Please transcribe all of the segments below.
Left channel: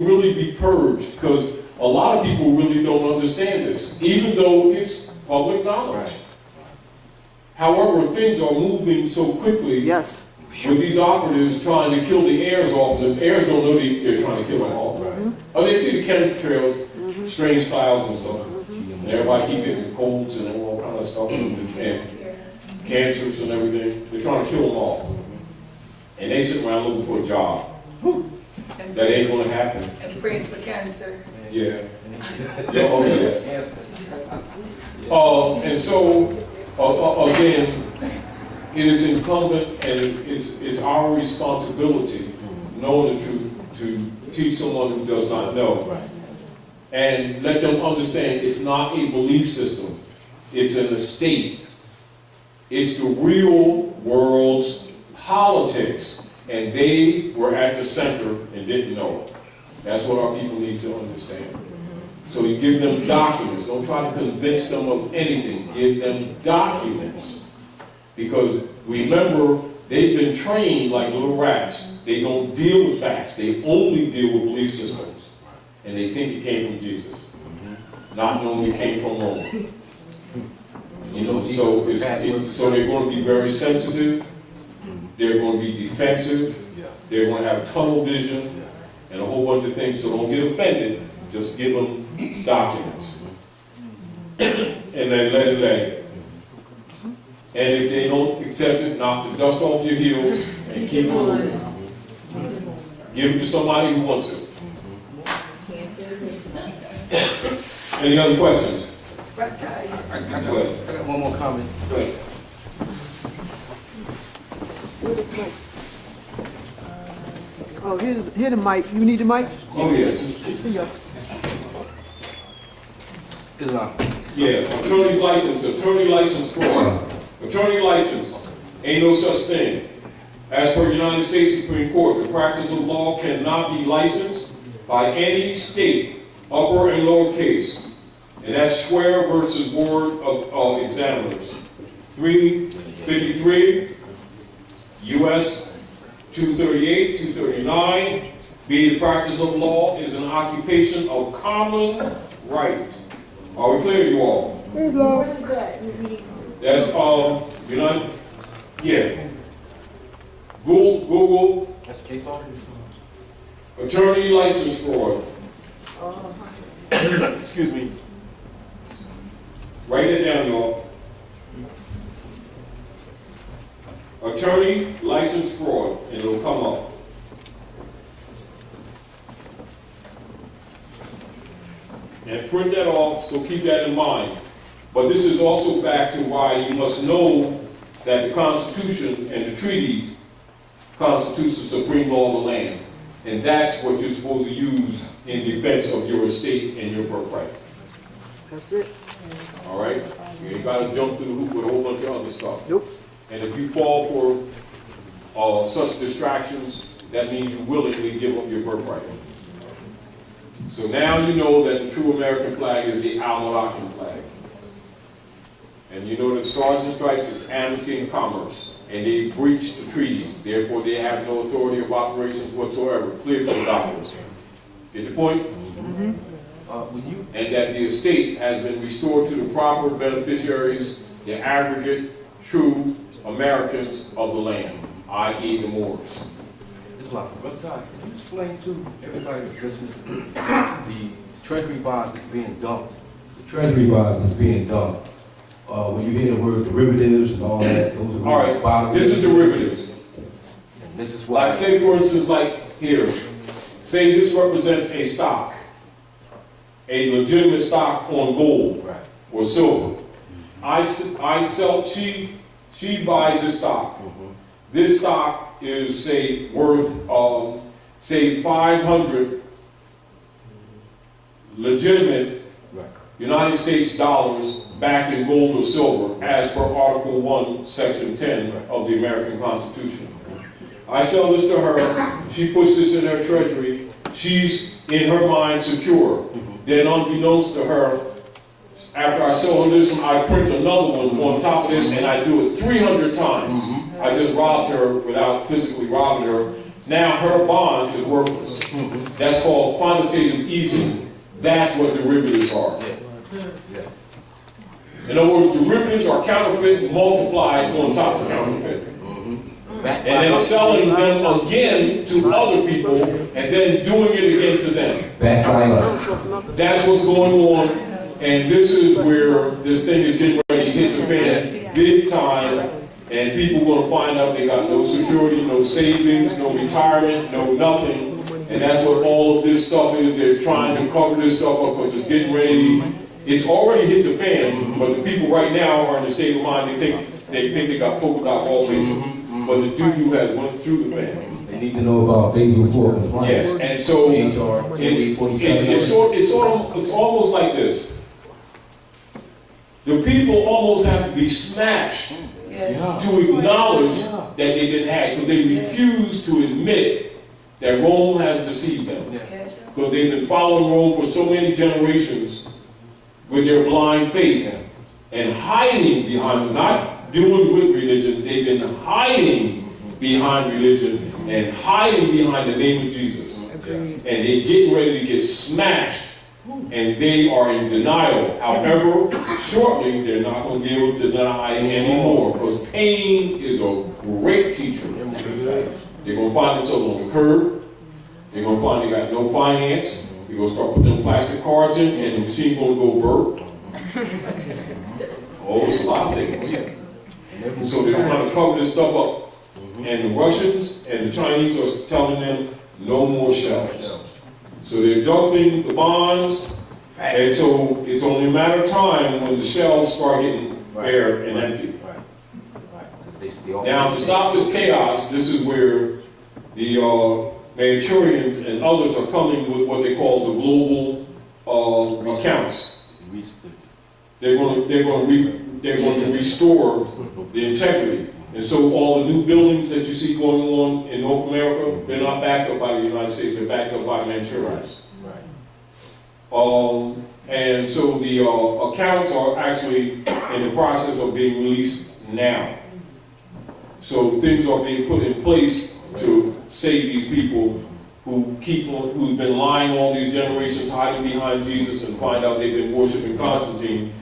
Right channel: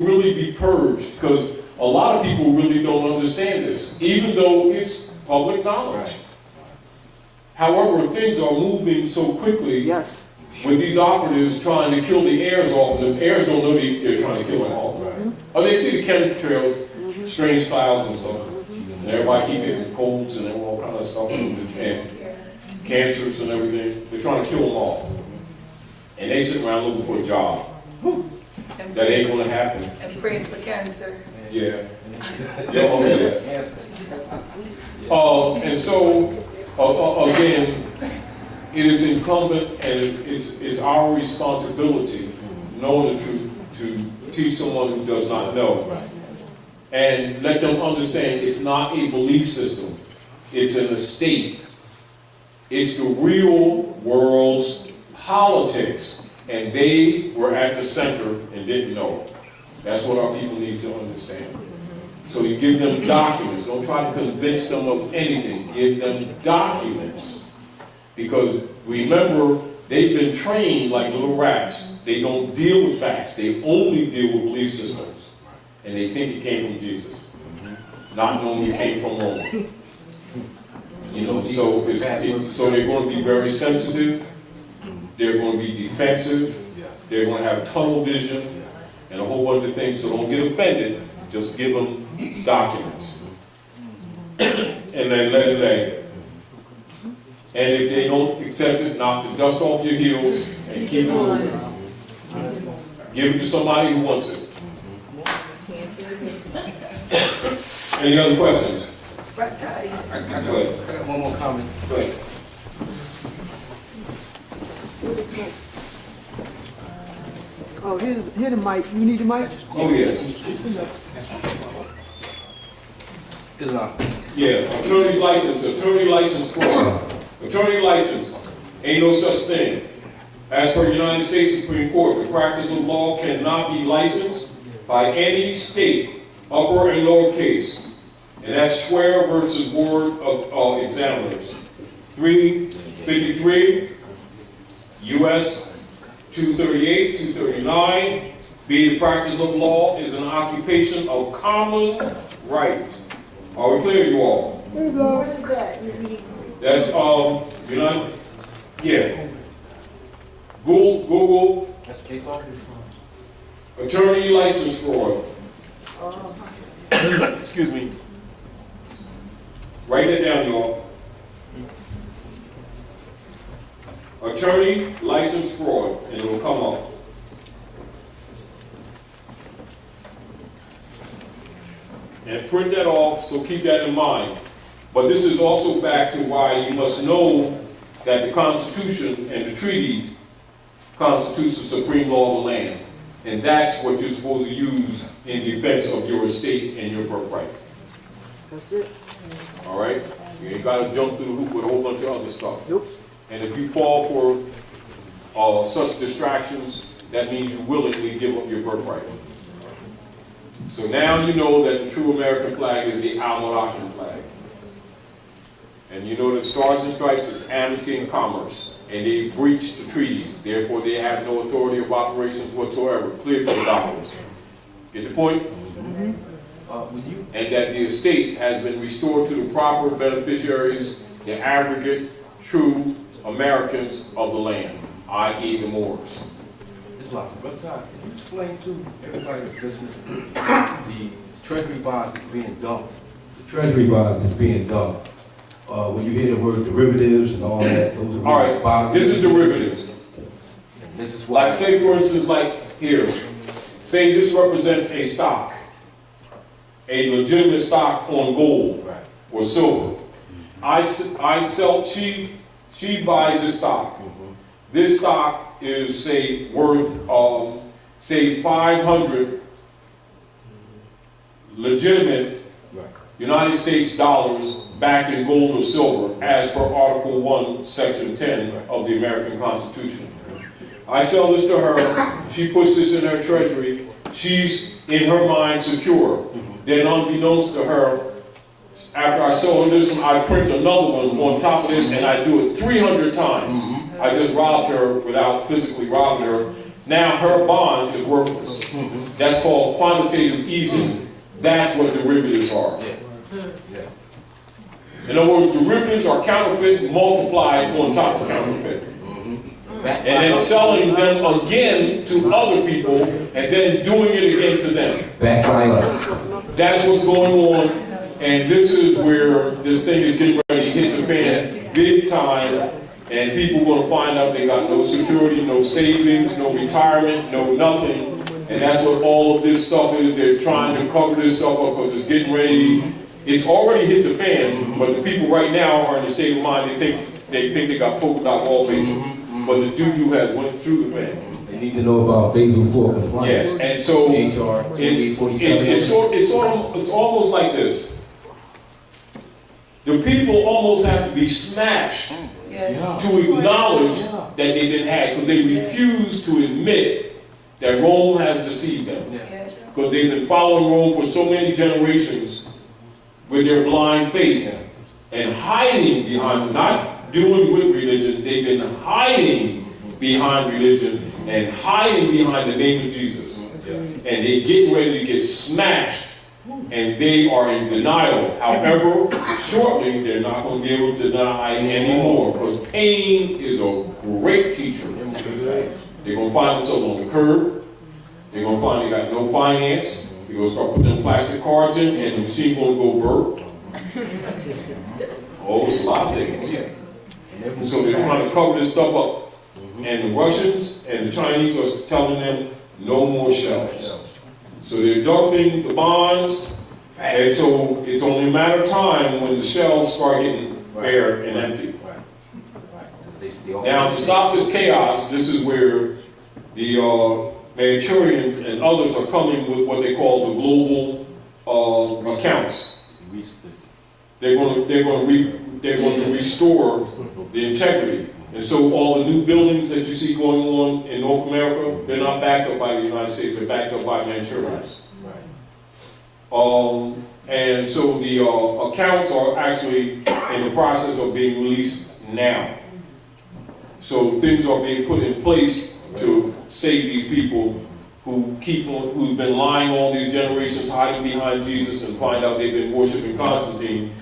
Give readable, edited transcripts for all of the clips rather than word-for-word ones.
really be purged, because a lot of people really don't understand this, even though it's public knowledge. Right. However, things are moving so quickly. Yes. With these operatives trying to kill the heirs off, and the heirs don't know they're trying to kill them off. Right. Oh, they see the chemtrails, strange clouds and stuff, and everybody keep getting colds and all kind of stuff, and cancers and everything. They're trying to kill them off, and they sit around looking for a job. That ain't going to happen. And praying for cancer. Yeah. Yeah. Oh yes. And so again, it is incumbent and it's our responsibility, knowing the truth, to teach someone who does not know. And let them understand it's not a belief system. It's an estate. It's the real world's politics. And they were at the center and didn't know it. That's what our people need to understand. So you give them documents. Don't try to convince them of anything. Give them documents. Because remember, they've been trained like little rats. They don't deal with facts. They only deal with belief systems. And they think it came from Jesus, not knowing it came from Rome. You know, so they're going to be very sensitive. They're going to be defensive. They're going to have tunnel vision and a whole bunch of things. So don't get offended. Just give them documents. And then let it lay. And if they don't accept it, knock the dust off your heels and keep moving. Give it to somebody who wants it. Any other questions? I got one more comment. Go ahead. Oh, here's the mic. You need the mic? Oh, yes. Yeah, attorney license fraud. Attorney license, ain't no such thing. As per United States Supreme Court, the practice of law cannot be licensed by any state, upper and lower case. And that's Swear versus Board of Examiners. 353, U.S. 238, 239, be the practice of law is an occupation of common right. Are we clear, you all? What is that? That's, yeah. Google. That's case law. Attorney license fraud. Excuse me. Write it down, y'all. Attorney license fraud, and it'll come up. And print that off, so keep that in mind. But this is also back to why you must know that the Constitution and the treaty constitutes the supreme law of the land. And that's what you're supposed to use in defense of your estate and your birthright. That's it. All right? You ain't got to jump through the hoop with a whole bunch of other stuff. Nope. And if you fall for such distractions, that means you willingly give up your birthright. So now you know that the true American flag is the Almanacan flag. And you know that Stars and Stripes is amity and commerce. And they breached the treaty. Therefore, they have no authority of operations whatsoever. Clearfield documents. Get the point? Mm-hmm. And that the estate has been restored to the proper beneficiaries, the aggregate true Americans of the land, i.e. the Moors. Brother Taj, can you explain to everybody that's listening the treasury bonds that's being dumped? The treasury bonds that's being dumped. When you hear the word derivatives and all that, those are all right. This is derivatives. And this is why. Like, say for instance, like here, say this represents a stock, a legitimate stock on gold or silver. I sell. She buys this stock. This stock is, say, worth, say, 500 legitimate United States dollars backed in gold or silver, as per Article 1, Section 10 of the American Constitution. I sell this to her. She puts this in her treasury. She's, in her mind, secure. Then, unbeknownst to her, after I sell her this one, I print another one on top of this, and I do it 300 times. I just robbed her without physically robbing her. Now her bond is worthless. That's called quantitative easing. That's what derivatives are. In other words, derivatives are counterfeit multiplied on top of counterfeit. And then selling them again to other people and then doing it again to them. That's what's going on. And this is where this thing is getting ready to hit the fan big time. And people are going to find out they got no security, no savings, no retirement, no nothing. And that's what all of this stuff is. They're trying to cover this stuff up because it's getting ready. It's already hit the fan, but the people right now are in the state of mind they think they got polka dot wallpaper. But the doo-doo has went through the fan. They need to know about Basel 4 compliance. Yes, and so it's almost like this. The people almost have to be smashed to acknowledge that they've been hacked, because they refuse to admit that Rome has deceived them. Because they've been following Rome for so many generations with their blind faith and hiding behind, not doing with religion, they've been hiding behind religion and hiding behind the name of Jesus. And they're getting ready to get smashed. And they are in denial. However, shortly they're not going to be able to deny anymore, because pain is a great teacher. They're going to find themselves on the curb. They're going to find they got no finance. They're going to start putting them plastic cards in, and the machine's going to go burp. Oh, it's a lot of things. So they're trying to cover this stuff up. And the Russians and the Chinese are telling them no more shells. So they're dumping the bonds, and so it's only a matter of time when the shells start getting bare and empty. Now, to stop this chaos, this is where the Manchurians and others are coming with what they call the global accounts. They're going to restore the integrity. And so all the new buildings that you see going on in North America, they're not backed up by the United States, they're backed up by Manchurians. And so the accounts are actually in the process of being released now. So things are being put in place to save these people who've been lying all these generations, hiding behind Jesus, and find out they've been worshiping Constantine.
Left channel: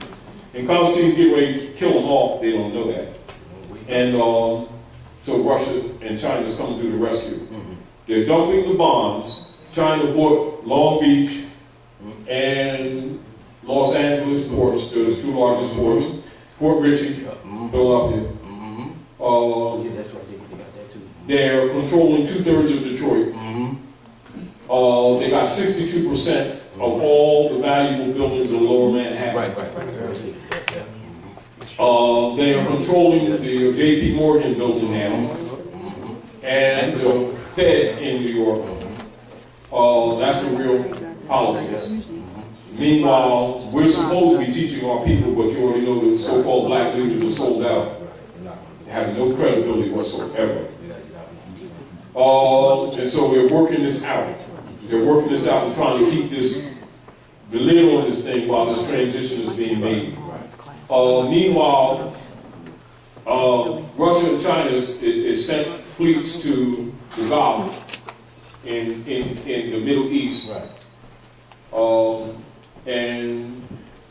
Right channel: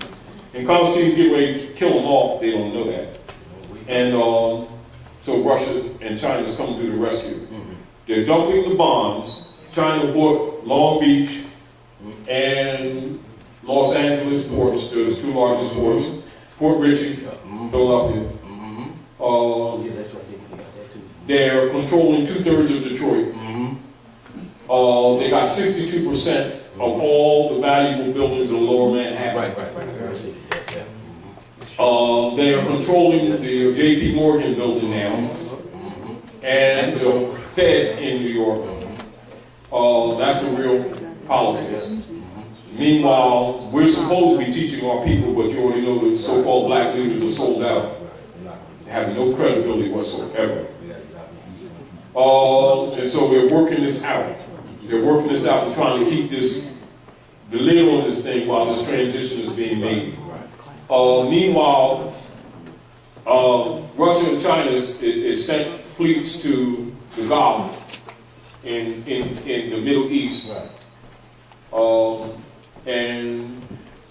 And Constantine's getting ready to kill them off, they don't know that. And so Russia and China's coming to the rescue. They're dumping the bombs. China bought Long Beach and Los Angeles ports, those two largest ports, Port Richey, Philadelphia. That's right, they got that too. They're controlling 2/3 of Detroit. They got 62% of all the valuable buildings in Lower Manhattan. They are controlling the J.P. Morgan building now, and the Fed in New York. That's the real politics. Meanwhile, we're supposed to be teaching our people, but you already know the so-called black leaders are sold out. They have no credibility whatsoever. And so they're working this out. They're working this out and trying to keep the lid on this thing while this transition is being made. Meanwhile, Russia and China is sent fleets to the Gulf in the Middle East. And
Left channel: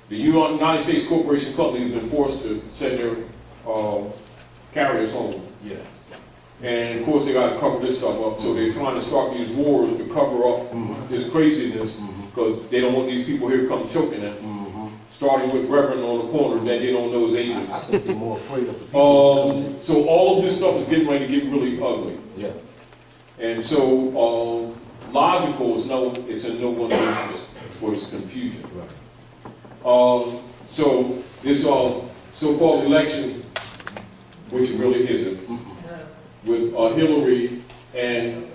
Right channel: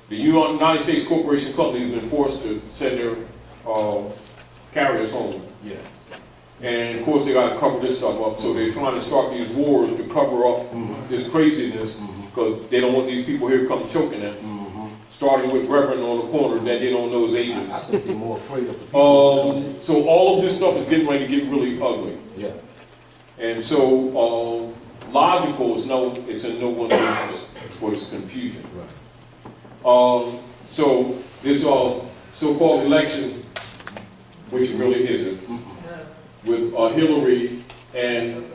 the United States Corporation Company has been forced to send their carriers home. And of course they got to cover this stuff up, so they're trying to start these wars to cover up this craziness, because they don't want these people here come choking them. Starting with Reverend on the corner that they don't know is agents. I think they're more afraid of the people. So all of this stuff is getting ready to get really ugly. And so logical is it's in no one's interest for this confusion. So this so-called election, which really isn't, with Hillary and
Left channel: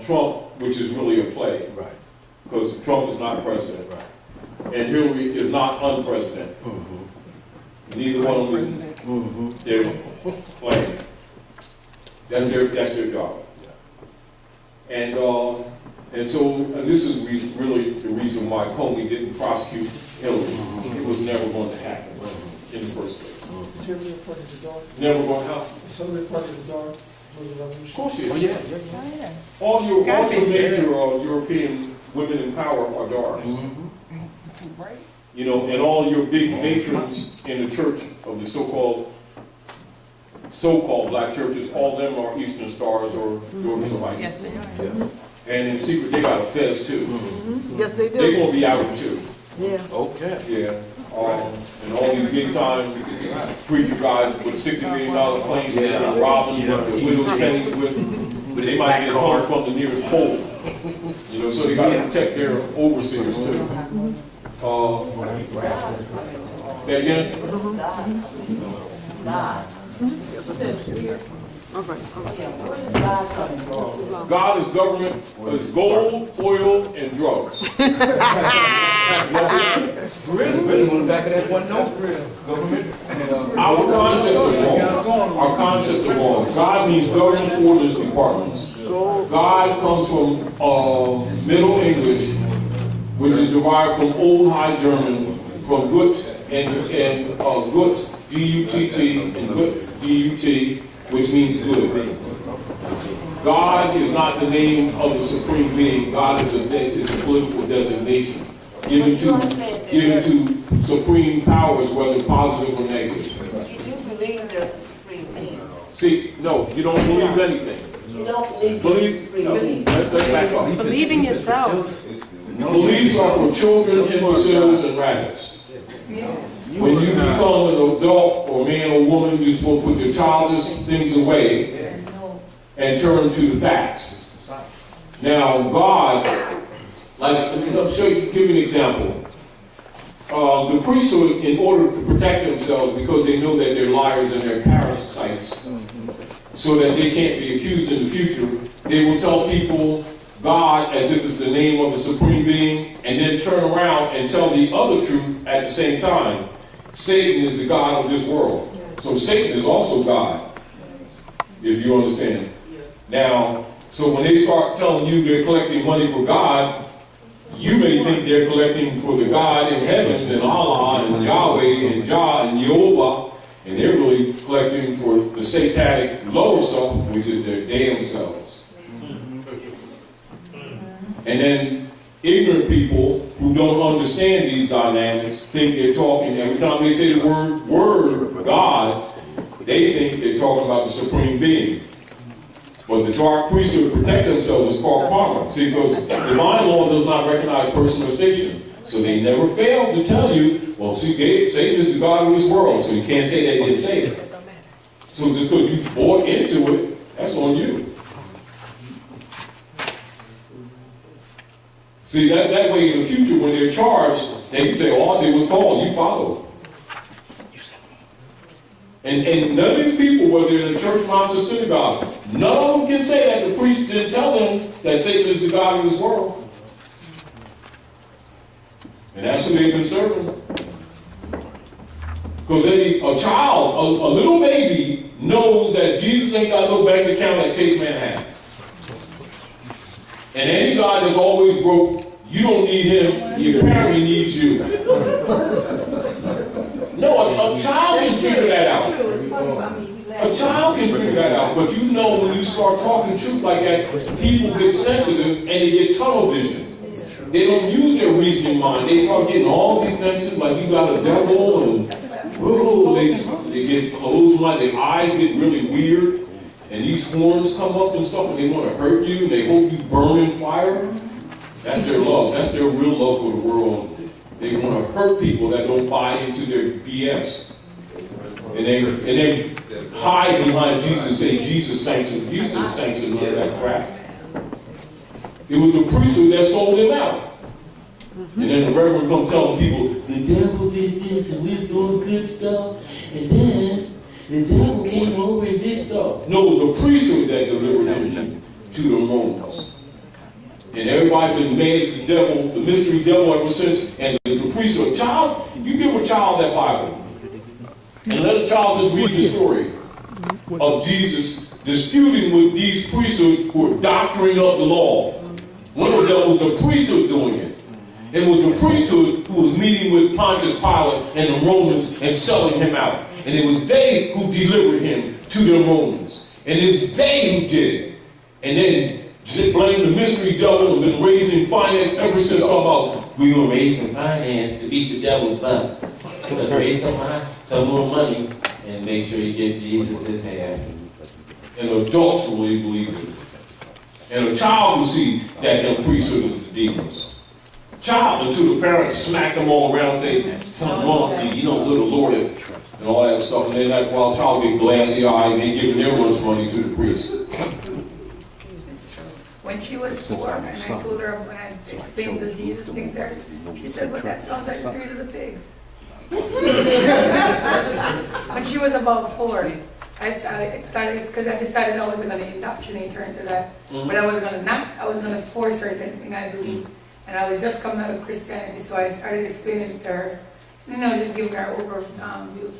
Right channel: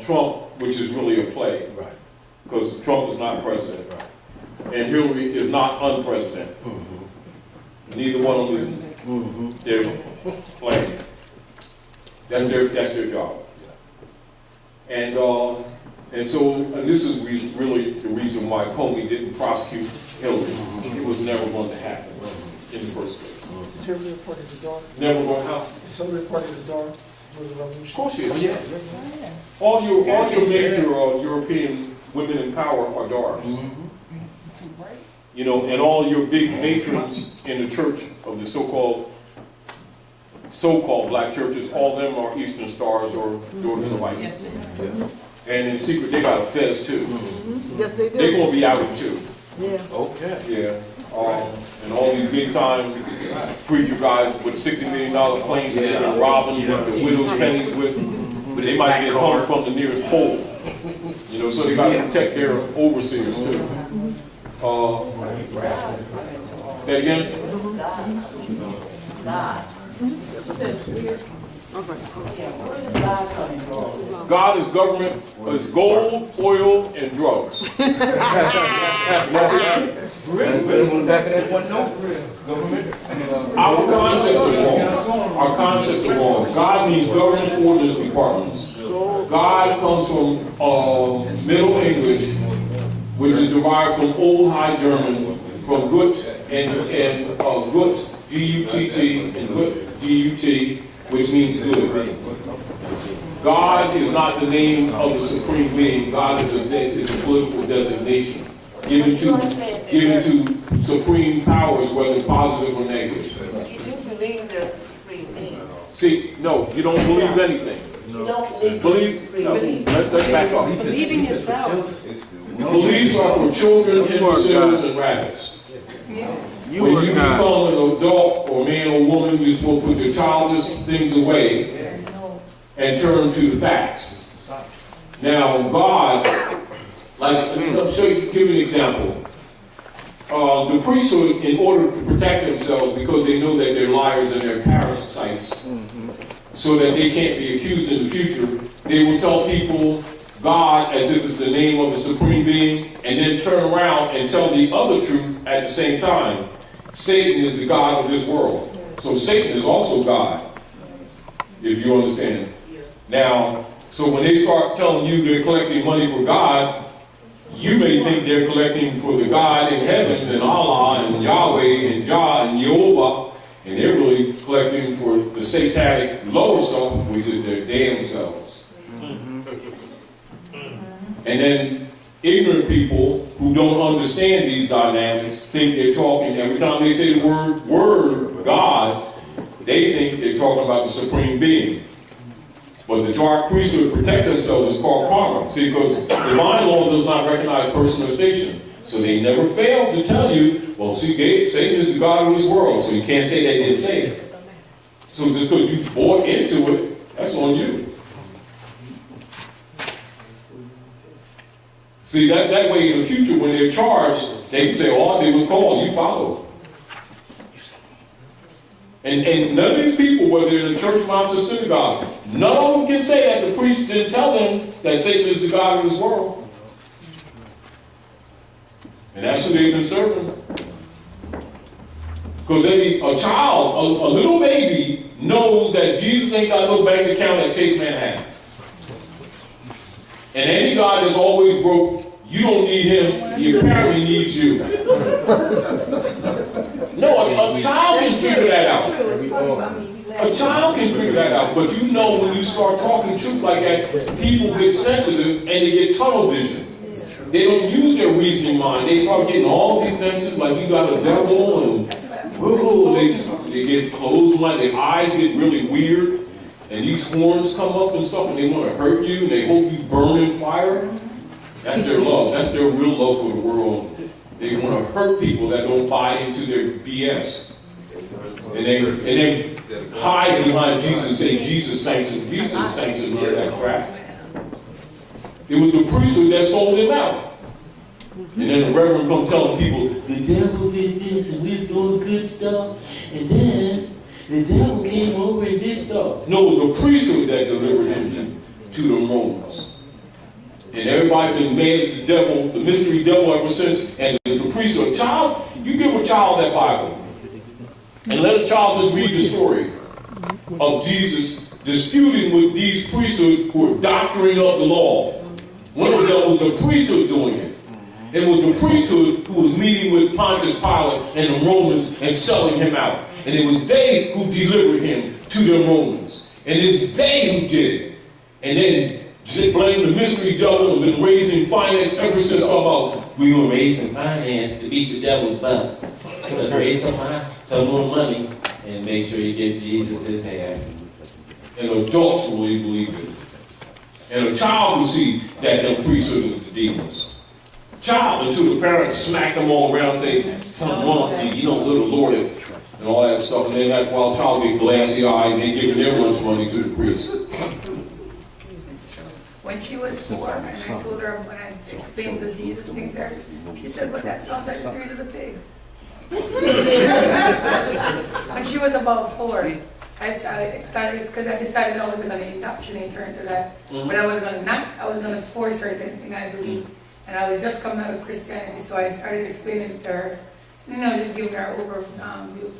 Trump, which is really a play, because Trump is not president, and Hillary is not unpresident. Neither one of them is they're playing. That's their job. And this is really the reason why Comey didn't prosecute Hillary. It was never going to happen in the first place. Is Hillary a part of the dark? Never going to happen. Is Hillary a part of the dark? Of course you Oh, is. yeah. All your major European women in power are daughters. You know, and all your big matrons in the church of the so-called black churches, all of them are Eastern Stars or daughters of ISIS. Yes, they are. And in secret, they got a fez too. Yes, they do. They're going to be outed too. Yeah. Okay. Yeah. And all these big time preacher guys with $60 million planes and they're robbing the widow's pennies with, but they might get hung from the nearest pole. You know, so they got to protect their overseers too. Say again? God is government, is gold, oil, and drugs. Our concept is wrong. Our concept is wrong. God means government orders departments. God comes from Middle English, which is derived from Old High German, from gut and gut, G-U-T-T, and gut, G-U-T, which means good. God is not the name of the supreme being. God is a political designation given to supreme powers, whether positive or negative. You do believe there's a supreme being. See, no, you don't believe anything. You don't believe there's a supreme being. Let's back up. Believe in yourself. Beliefs are for children, imbeciles, and rabbits. When you become an adult or man or woman, you're supposed to put your childish things away and turn to the facts. Now, God, I'll show you, give you an example. The priesthood, in order to protect themselves, because they know that they're liars and they're parasites, so that they can't be accused in the future, they will tell people God as if it's the name of the supreme being, and then turn around and tell the other truth at the same time. Satan is the God of this world. So Satan is also God, if you understand. Now, so when they start telling you they're collecting money for God, you may think they're collecting for the God in heaven and Allah and Yahweh and Jah and Jehovah, and they're really collecting for the satanic lower self, which is their damn selves. And then ignorant people who don't understand these dynamics think they're talking, every time they say the word God, they think they're talking about the supreme being. But the dark priesthood protect themselves is called karma. See, because divine law does not recognize person or station. So they never fail to tell you, well, see, Satan is the God of this world, so you can't say they didn't say it. So just because you bought into it, that's on you. See, that way in the future, when they're charged, they can say, all I did was call, you followed. And none of these people, whether they're in the church, mosque, or synagogue, none of them can say that the priest didn't tell them that Satan is the God of this world. And that's who they've been serving. Because a child, a little baby, knows that Jesus ain't got no bank account that Chase Man had. And any God that's always broke, you don't need him, he apparently needs you. No, a child can figure that out. A child can figure that out. But you know when you start talking truth like that, people get sensitive and they get tunnel vision. They don't use their reasoning mind. They start getting all defensive like you got a devil and whoa, they get closed, like their eyes get really weird. And these horns come up and stuff and they want to hurt you and they hope you burn in fire. That's their love. That's their real love for the world. They want to hurt people that don't buy into their BS. And they hide behind Jesus and say Jesus sanctioned. Jesus sanctioned none of that crap. It was the priesthood that sold him out. And then the reverend come telling people, the devil did this and we was doing good stuff. And then the devil came over and did stuff. No, it was the priesthood that delivered him to the Romans. And everybody been mad at the devil, the mystery devil ever since. And the priesthood, child, you give a child that Bible. And let a child just read the story of Jesus disputing with these priesthood who are doctoring up the law. One of them was the priesthood doing it. It was the priesthood who was meeting with Pontius Pilate and the Romans and selling him out. And it was they who delivered him to the Romans. And it's they who did it. And then just blame the mystery devil and been raising finance ever since about we're going to raise some finance to beat the devil's butt. Let's raise some more money and make sure you get Jesus his hand. And adults will really believe it. And a child will see that them priesthood is the demons. Child until the parents smack them all around and say, something wrong with you, you don't go to Lord and all that stuff. And then that while child get glassy eyed and they giving their lunch money to the priest. When she was 4, and I told her, when I explained the Jesus thing to her, she said, well, that sounds like the 3 little pigs. When she was about 4, I started, because I decided I wasn't going to indoctrinate her into that, but I was going to force her into anything I believe. And I was just coming out of Christianity, so I started explaining to her, just giving her overview.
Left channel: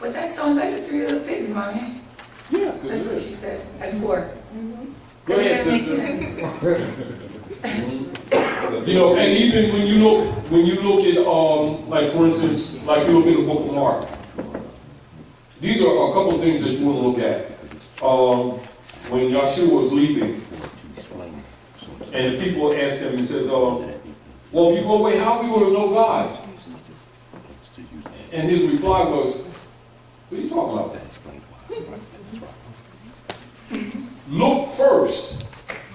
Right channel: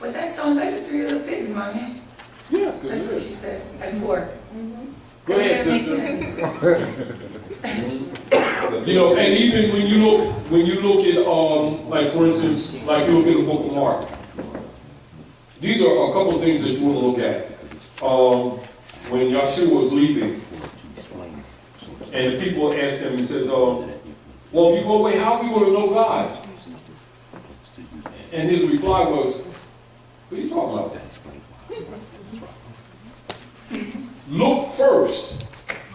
But that sounds like the 3 little pigs, Mommy. Yeah, that's what she said at 4. Go ahead, sister. And even when you look at, like for instance, like you look at the book of Mark, these are a couple of things that you want to look at. When Yeshua was leaving, and the people asked him, he says, well, if you go away, how are we going to know God? And his reply was, what are you talking about? Look first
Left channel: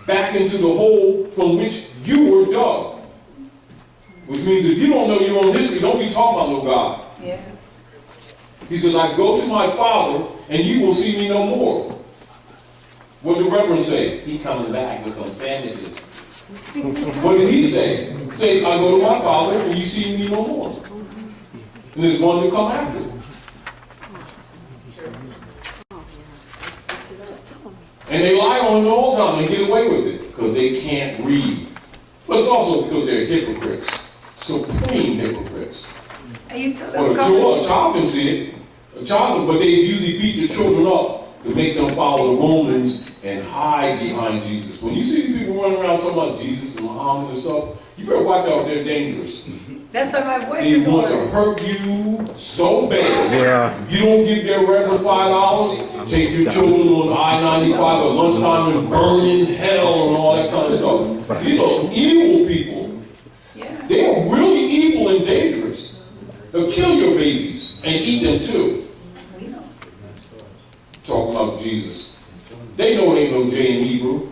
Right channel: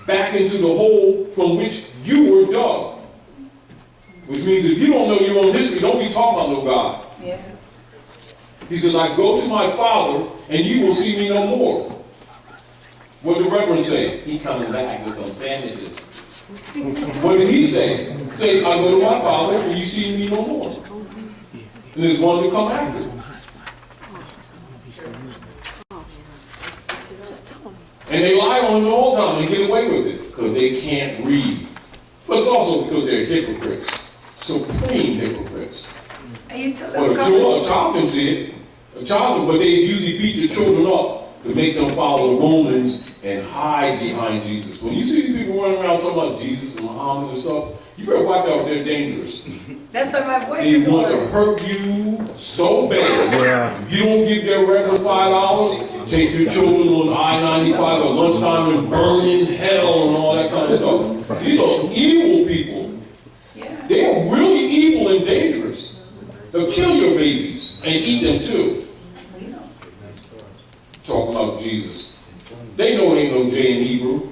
back into the hole from which you were dug. Which means if you don't know your own history, don't be talking about no God. Yeah. He said, I go to my Father, and you will see me no more. What did the Reverend say? He coming back with some sandwiches. What did he say? Say, I go to my Father, and you see me no more. And there's one to come after. And they lie on it all the time and get away with it because they can't read. But it's also because they're hypocrites. Supreme hypocrites. And you tell Well, a child can see it. But they usually beat the children up to make them follow the Romans and hide behind Jesus. When you see people running around talking about Jesus and Muhammad and stuff, you better watch out, they're dangerous. That's why my voice They is want to hoarse. hurt you so bad. Yeah. You don't give their reverend $5, take your children on I-95 at lunchtime and burn in hell and all that kind of stuff. These are evil people. Yeah. They are really evil and dangerous. They'll kill your babies and eat them too. We know. Talking about Jesus. They know it ain't no J in Hebrew.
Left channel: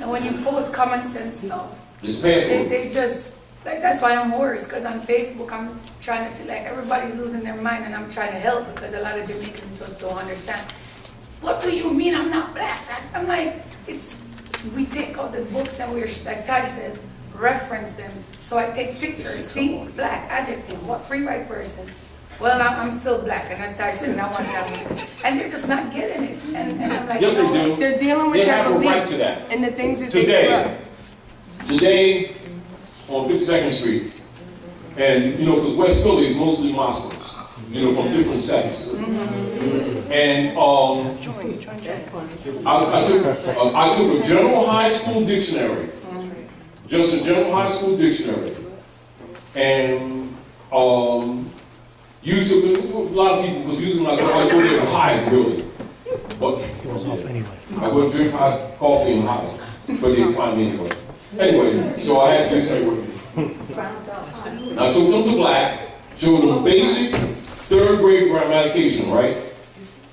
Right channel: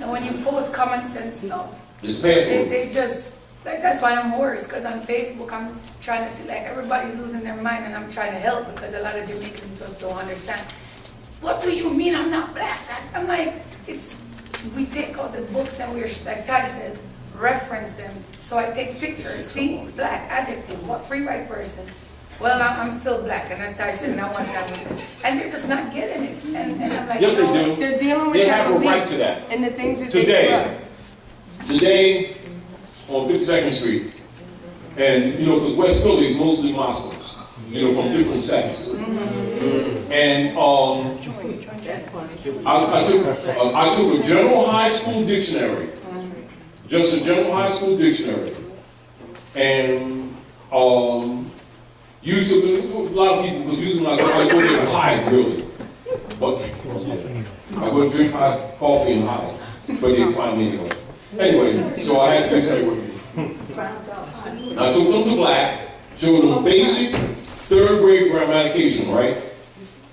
And when you post common sense stuff, It's password. they just, like, that's why I'm hoarse, because on Facebook I'm trying to, like, everybody's losing their mind and I'm trying to help because a lot of Jamaicans just don't understand. What do you mean I'm not black? I'm like, we take out the books and we're, like Taj says, reference them. So I take pictures, see, black, adjective, what free white person? Well, I'm still black, and I start saying I want something. And they're just not getting it. And I'm like, Yes, they do. They're dealing with They their have a right beliefs to that. and the things that they grew up. Today, on 52nd Street, and because West Philly is mostly Muslims, from different sects. And I took a general high school dictionary, just a general high school dictionary, and used to, a lot of people, because usually when I go there to hide, really. But I go drink hot coffee and hide, but they find me anyway. Anyway, so I had this here with me. I took them to black, showed them basic 3rd grade grammatication, right?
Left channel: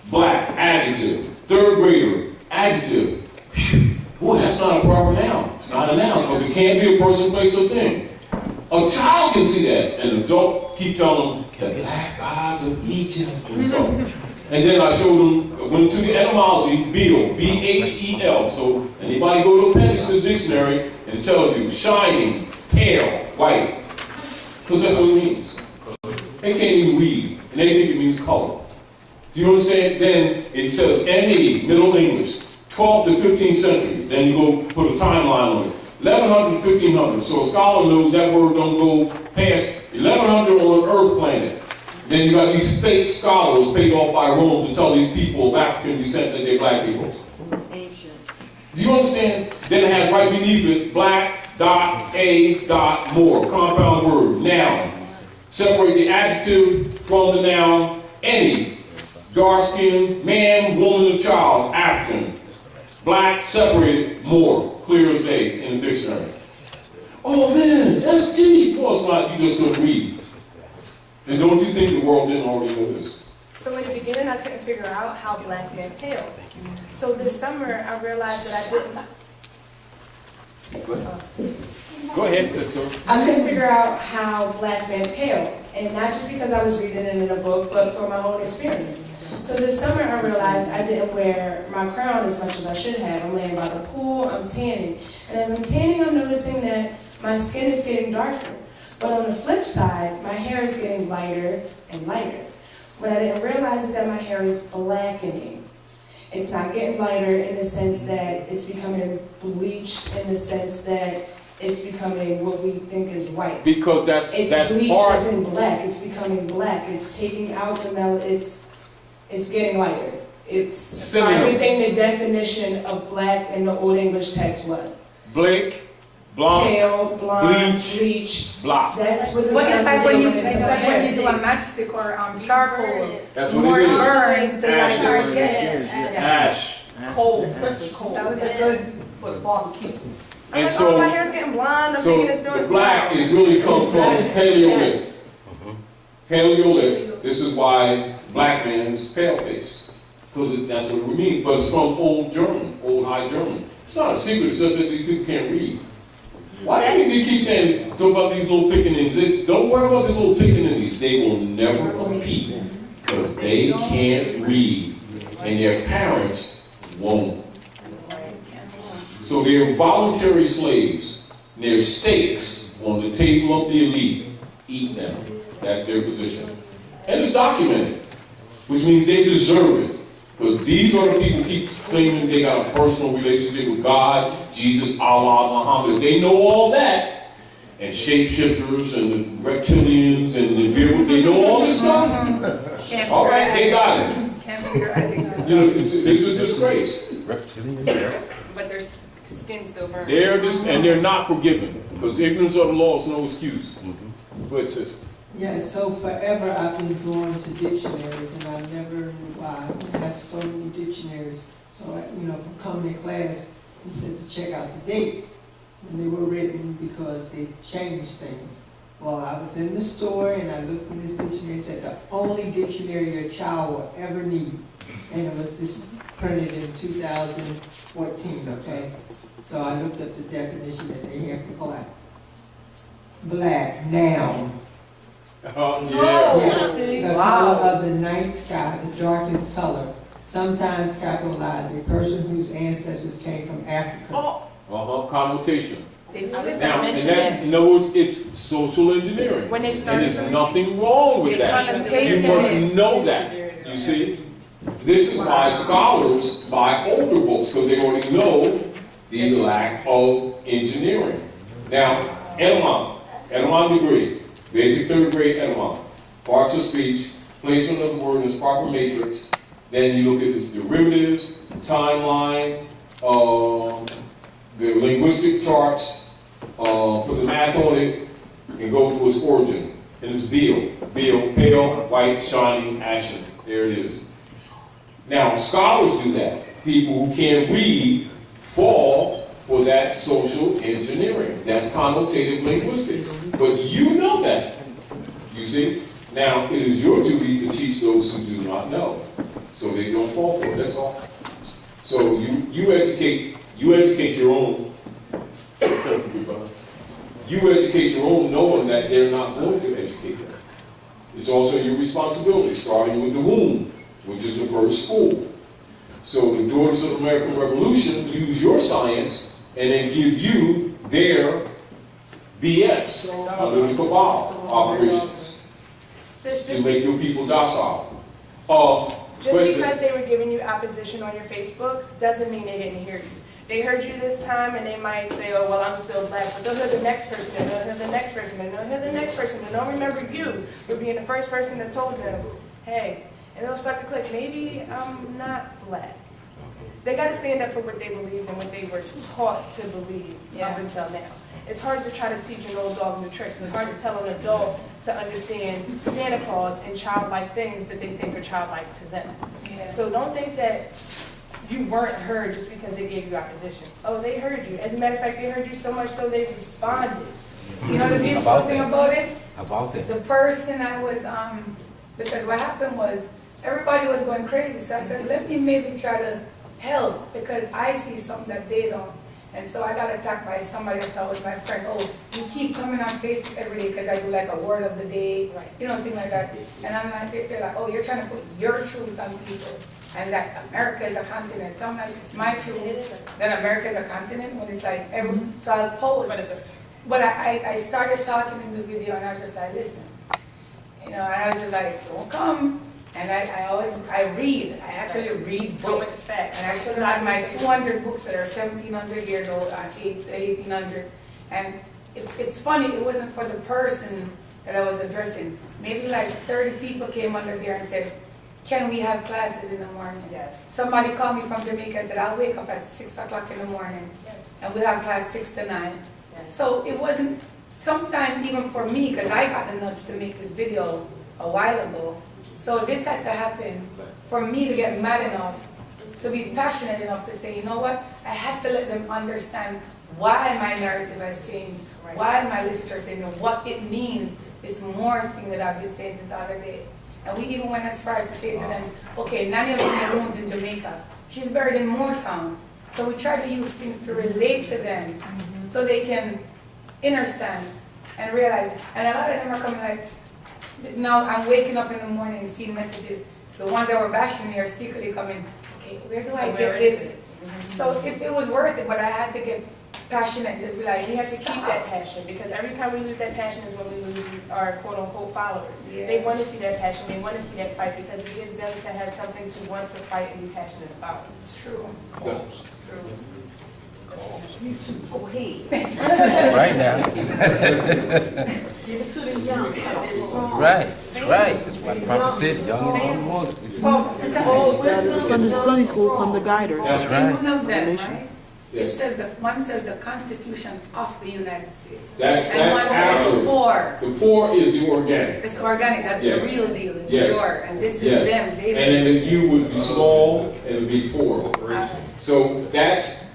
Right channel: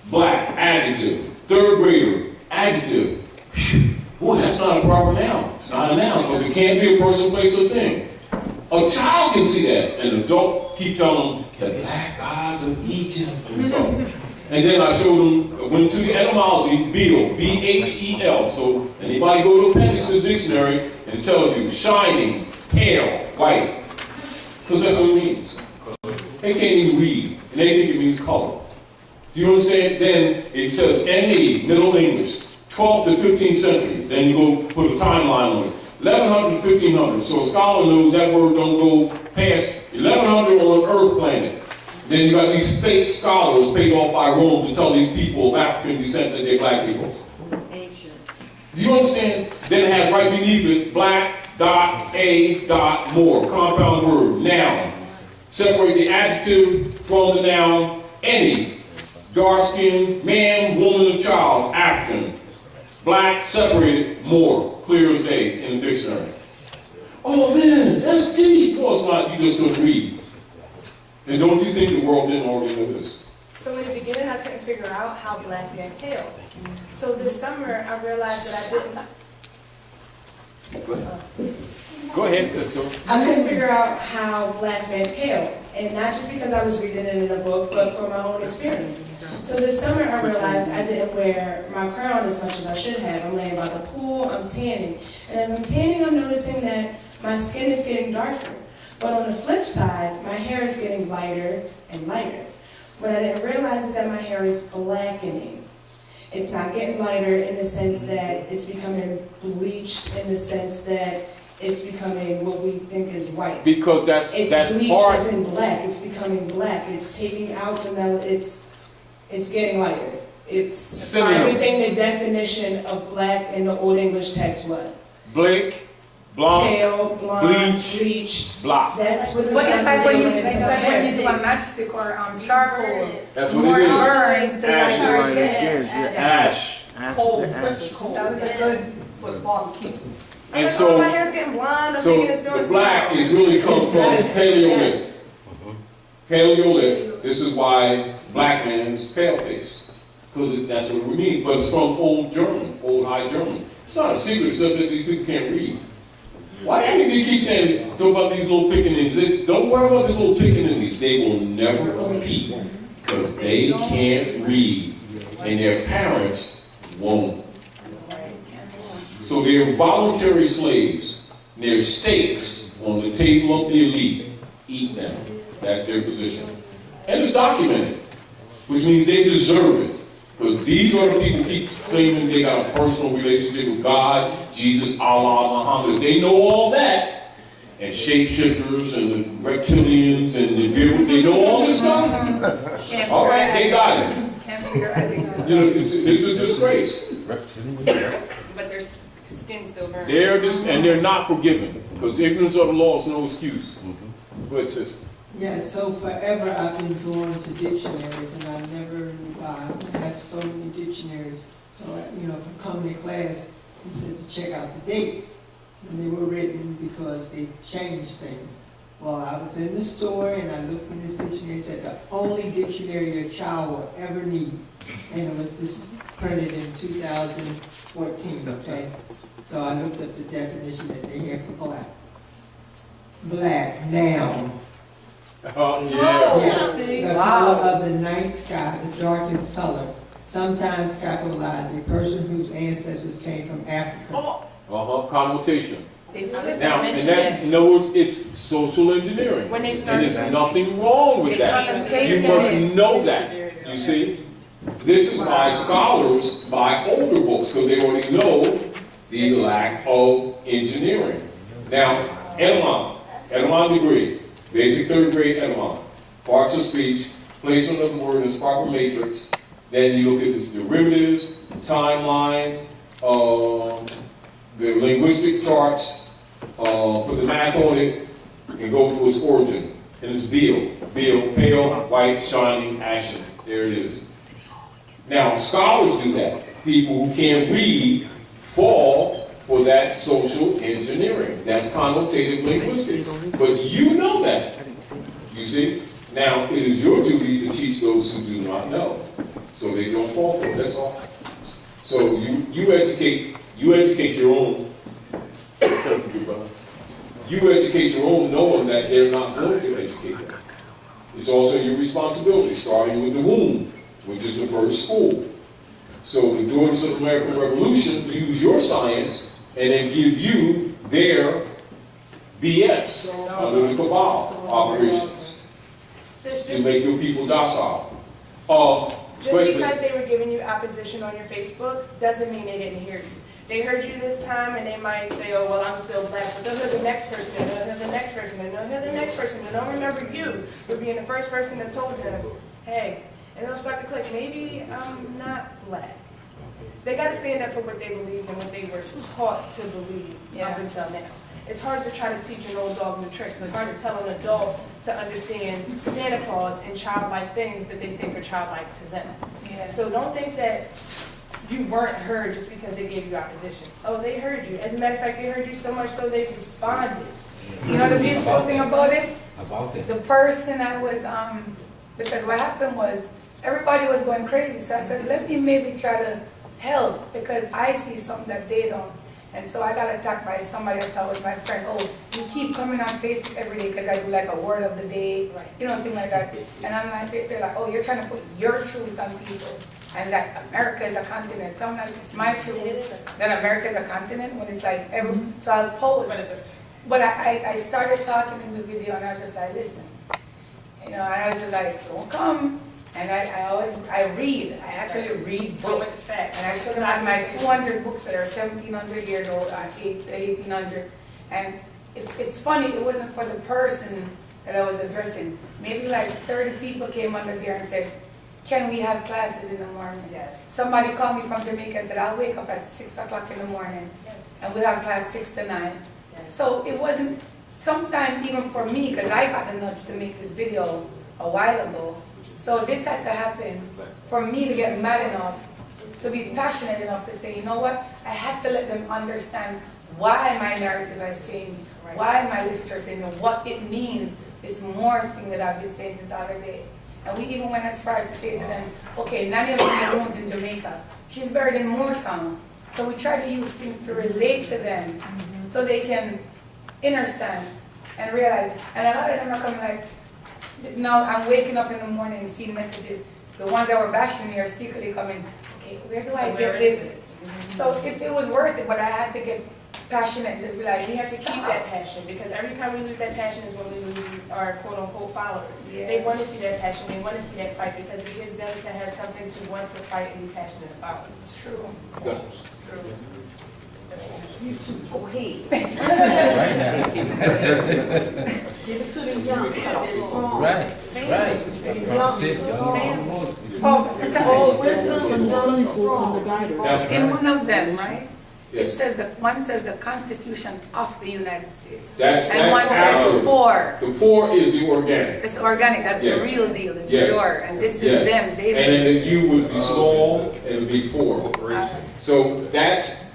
Black, adjective. 3rd grader, adjective. Boy, that's not a proper noun. It's not a noun, because it can't be a person, place, or thing. A child can see that. An adult keep telling them, the black gods of Egypt and stuff. And then I showed them, went to the etymology, Beetle, B-H-E-L. So anybody go to Appendix Dictionary, and it tells you shining, pale, white. Because that's what it means. They can't even read, and they think it means color. Do you understand? Then it says NE, Middle English, 12th to 15th century. Then you go put a timeline on it. 1100 to 1500. So a scholar knows that word don't go past 1100 on an Earth planet. Then you got these fake scholars paid off by Rome to tell these people of African descent that they're black people. Do you understand? Then it has right beneath it, black, dot, a, dot, more. Compound word, noun. Separate the adjective from the noun, any. dark skin, man, woman, or child, African. Black, separated, Moor, clear as day in the dictionary. Oh man, that's deep. No, it's not. You just don't read. And don't you think the world didn't already know this? So in the beginning, I couldn't figure out how black men pale. So this summer, I realized that I didn't. Go ahead, sister. I couldn't figure out how black men pale, and not just because I was reading it in a book, but for my own experience. So this summer, I realized I didn't wear my crown as much as I should have. I'm laying by the pool, I'm tanning, and as I'm tanning, I'm noticing that my skin is getting darker. But on the flip side, my hair is getting lighter and lighter. What I didn't realize is that my hair is blackening. It's not getting lighter in the sense that it's becoming bleached, in the sense that it's becoming what we think is white. Because that's bleached part. as in black. It's becoming black. It's taking out the it's getting lighter. It's Synonym. everything the definition of black in the Old English text was. Blake, blonde, Pale, blonde, bleach, bleached. black. That's what the But it's like when you, sun's it's doing like to when you my do a hair. matchstick or charcoal. That's what More it is. burns, the Ash. lighter it Yes. gets. Ash. Cold, especially cold. That was a good. For the barbecue. I'm And like, so- oh, my hair's getting blonde. I'm So thinking it's doing the black is really come from Paleolithic. Yes. Paleolithic. This is why black man's pale face, because that's what we mean. But it's from Old German, Old High German. It's not a secret, except that these people can't read. Why do they keep saying, talk about these little pickaninnies? Don't worry about these little pickaninnies. They will never compete because they can't read, and their parents won't. So they're voluntary slaves. They're steaks on the table of the elite. Eat them. That's their position. And it's documented, which means they deserve it. Because these are the people who keep claiming they got a personal relationship with God, Jesus, Allah, Muhammad. They know all that. And shapeshifters and the reptilians and the people, they know all this stuff. Can't All right, they got it. Can't figure out. You know, it's a disgrace. But their skin still burns. And they're not forgiven. Because ignorance of the law is no excuse. Go ahead, sis. Yes, so forever I've been drawn to dictionaries, and I never knew why. I have so many dictionaries. So, from coming to class, he said to check out the dates when they were written because they changed things. Well, I was in the store and I looked in this dictionary and said the only dictionary your child will ever need. And it was this printed in 2014, okay? So I looked up the definition that they had for black. Black, noun. Oh, yeah. Yes, the color of the night sky, the darkest color, sometimes capitalized, a person whose ancestors came from Africa. Connotation. They flip Now, and and mention that's, it. in other words, it's social engineering. When they And started there's nothing wrong with They that. connotate You must it. know that. You see? This is why scholars buy older books, because they already know the lack of engineering. Now, Edemon degree, basic third grade Edemon, parts of speech, placement of the word in its proper matrix, then you look at its derivatives, timeline, the linguistic charts, put the math on it, and go to its origin. And it's Beal, pale, white, shining, ashen. There it is. Now, scholars do that. People who can't read fall for that social engineering. That's connotative linguistics. But you know that. You see? Now, it is your duty to teach those who do not know, so they don't fall for it. That's all. So you educate your own. You educate your own, knowing that they're not going to educate them. It's also your responsibility, starting with the womb, which is the first school. So the daughters of the American Revolution use your science and then give you their BS, under the cabal operations, Sis, to just make your people docile. Just because they were giving you opposition on your Facebook doesn't mean they didn't hear you. They heard you this time and they might say, oh, well, I'm still black, but they'll hear the next person, and they'll hear the next person, and they'll hear the next person, and they'll remember you for being the first person that told them, hey, and they'll start to click, maybe I'm not black. They got to stand up for what they believe and what they were taught to believe up until now. It's hard to try to teach an old dog new tricks. It's hard to tell an adult to understand Santa Claus and childlike things that they think are childlike to them. Yeah. So don't think that you weren't heard just because they gave you opposition. Oh, they heard you. As a matter of fact, they heard you so much so they responded. You know the beautiful thing about it? About it. The person I was, because what happened was, everybody was going crazy, so I said, let me maybe try to help, because I see something that they don't. And so I got attacked by somebody I thought was my friend. Oh, you keep coming on Facebook every day because I do like a word of the day, you know, thing like that. And I'm like, they're like, oh, you're trying to put your truth on people. And like, America is a continent. So I'm like, it's my truth. Then America is a continent when it's like, so I'll post. But I started talking in the video and I was just like, listen. You know, and I was just like, don't come. And I read. I actually read books. And I showed them my 200 books that are 1,700 years old, the 1800s. And it's funny, it wasn't for the person that I was addressing. Maybe like 30 people came under there and said, can we have classes in the morning? Yes. Somebody called me from Jamaica and said, I'll wake up at 6 o'clock in the morning. Yes. And we'll have class 6 to 9. Yes. So it wasn't, sometime even for me, because I got the nudge to make this video a while ago. So this had to happen for me to get mad enough, to be passionate enough to say, you know what, I have to let them understand why my narrative has changed, why my literature is saying, what it means, this more thing that I've been saying since the other day. And we even went as far as to say to them, okay, Nanny Maroon's in Jamaica, she's buried in Moortown. So we try to use things to relate to them so they can understand and realize. And a lot of them are coming like, now I'm waking up in the morning and seeing messages. The ones that were bashing me are secretly coming, okay, where do I get this? So it was worth it, but I had to get passionate and just be like, You have to keep that passion, because every time we lose that passion is when we lose our quote-unquote followers. Yeah. They want to see that passion, they want to see that fight, because it gives them to have something to want to fight and be passionate about. It's true. It's true. You two, go ahead. Right now. Give it to the young. They're strong. Right. Sunday school from the guider. That's In one of them, right? It Yes. says that one says the Constitution of the United States. That's And one says absolute. for. The 4 is the organic. It's organic, that's Yes. the real deal, the Yes. pure. And this is Yes. them. And then the U would be small and it would be 4. So that's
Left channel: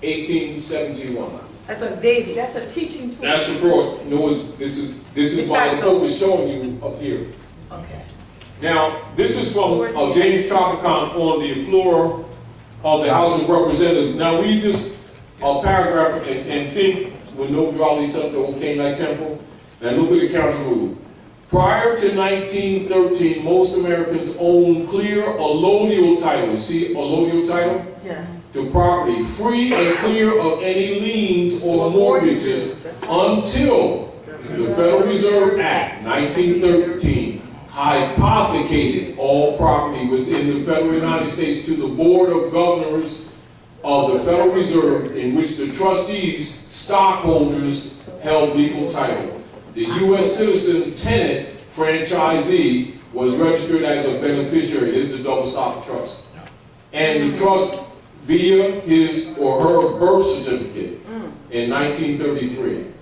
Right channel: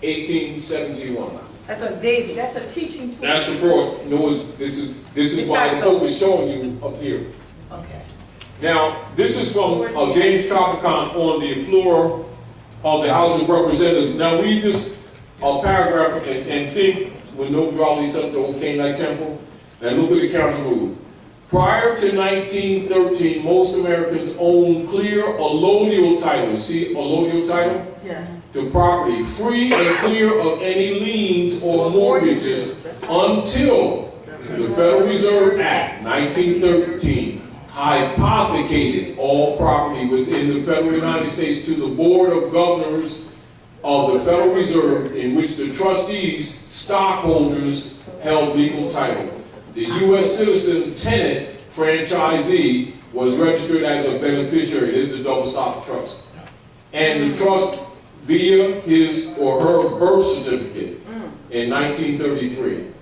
1871. That's what they did. That's a teaching tool. That's the fraud. No, this is De why the facto. book is showing you up here. Okay. Now, this is from James Tropicon on the floor of the House of Representatives. Now read this paragraph and think when no rallies up the old Canaanite temple. Now look at the counter move. Prior to 1913, most Americans owned clear allodial title. See allodial title? Yes. To property, free and clear of any liens or mortgages until the Federal Reserve Act 1913 hypothecated all property within the federal United States to the Board of Governors of the Federal Reserve, in which the trustees, stockholders, held legal title. The U.S. citizen tenant franchisee was registered as a beneficiary. This is the double stop trust. And the trust via his or her birth certificate in 1933.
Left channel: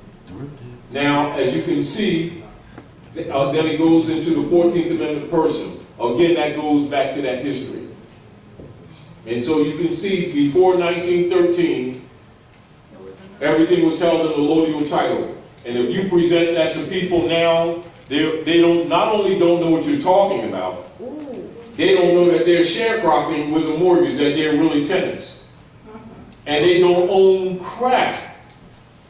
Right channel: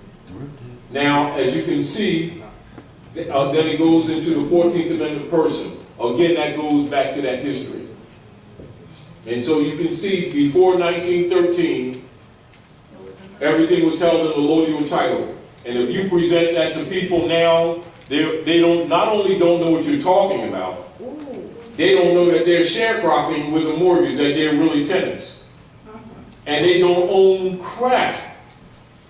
Now, as you can see, then he goes into the 14th Amendment person. Again, that goes back to that history. And so you can see before 1913, everything was held in the allodial title. And if you present that to people now, they don't not only don't know what you're talking about, they don't know that they're sharecropping with a mortgage, that they're really tenants. And they don't own crap.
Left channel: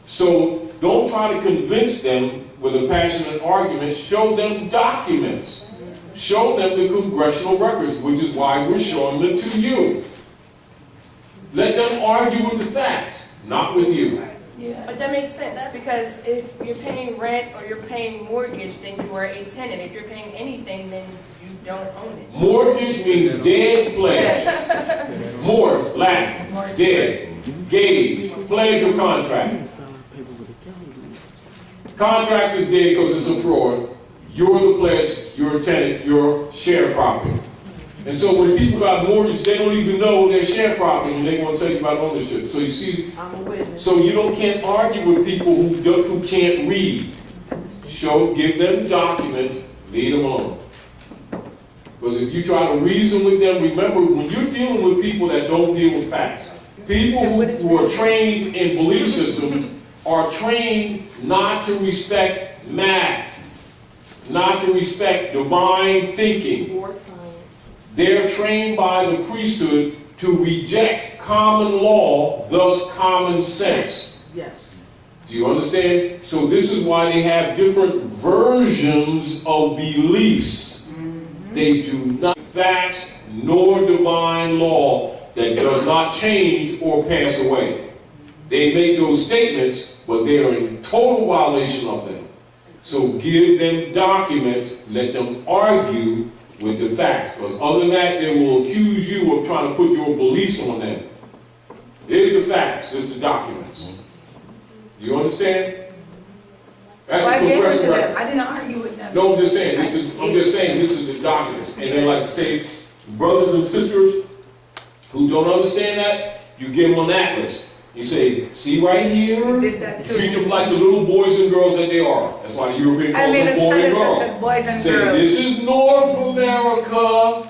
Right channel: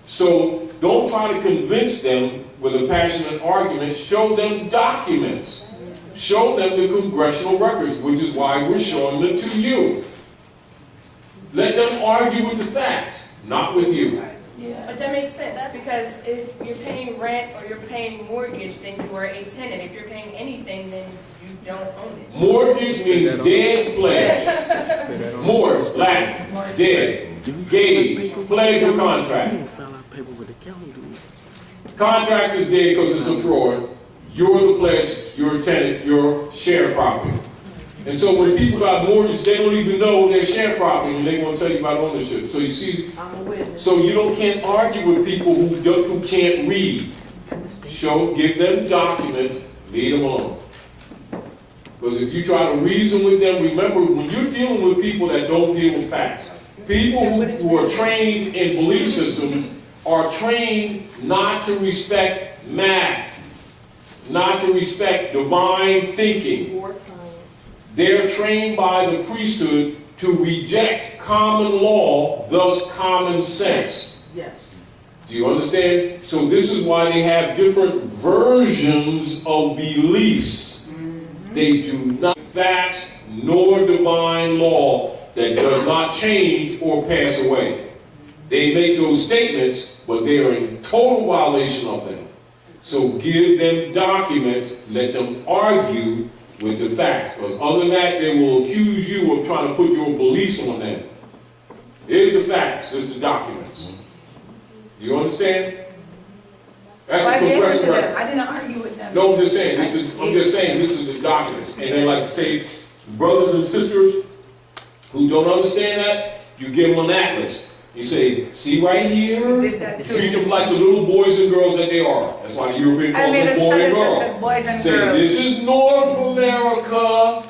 So don't try to convince them with a passionate argument. Show them documents. Show them the congressional records, which is why we're showing them to you. Let them argue with the facts, not with you. Yeah. But that makes sense, because if you're paying rent or you're paying mortgage, then you are a tenant. If you're paying anything, then you don't own it. Mortgage means dead pledge. Mort, Latin, dead. Gauge, pledge or contract. Contract is dead because it's a fraud. You're the pledge, you're a tenant, you're sharecropping. And so when people got mortgage, they don't even know their share property, and they want to tell you about ownership. So you see, I'm a witness. so you can't argue with people who can't read. Give them documents, leave them alone. Because if you try to reason with them, remember, when you're dealing with people that don't deal with facts, people who are trained in belief systems are trained not to respect math, not to respect divine thinking. Or science. They're trained by the priesthood to reject common law, thus common sense. Yes. Do you understand? So this is why they have different versions of beliefs. They do not facts nor divine law that does not change or pass away. They make those statements, but they are in total violation of them. So give them documents, let them argue with the facts. Because other than that, they will accuse you of trying to put your beliefs on them. Here's the facts, here's the documents. You understand? That's I the gave it to progression. them. I didn't argue with them. No, I'm just saying, this is the documents. And they like to say, brothers and sisters who don't understand that, you give them an atlas. You say, see right here? Did that You too. treat them like the little boys and girls that they are. That's why the European I calls made them a boy and status that girl. said boys and Say, girls. this is North America,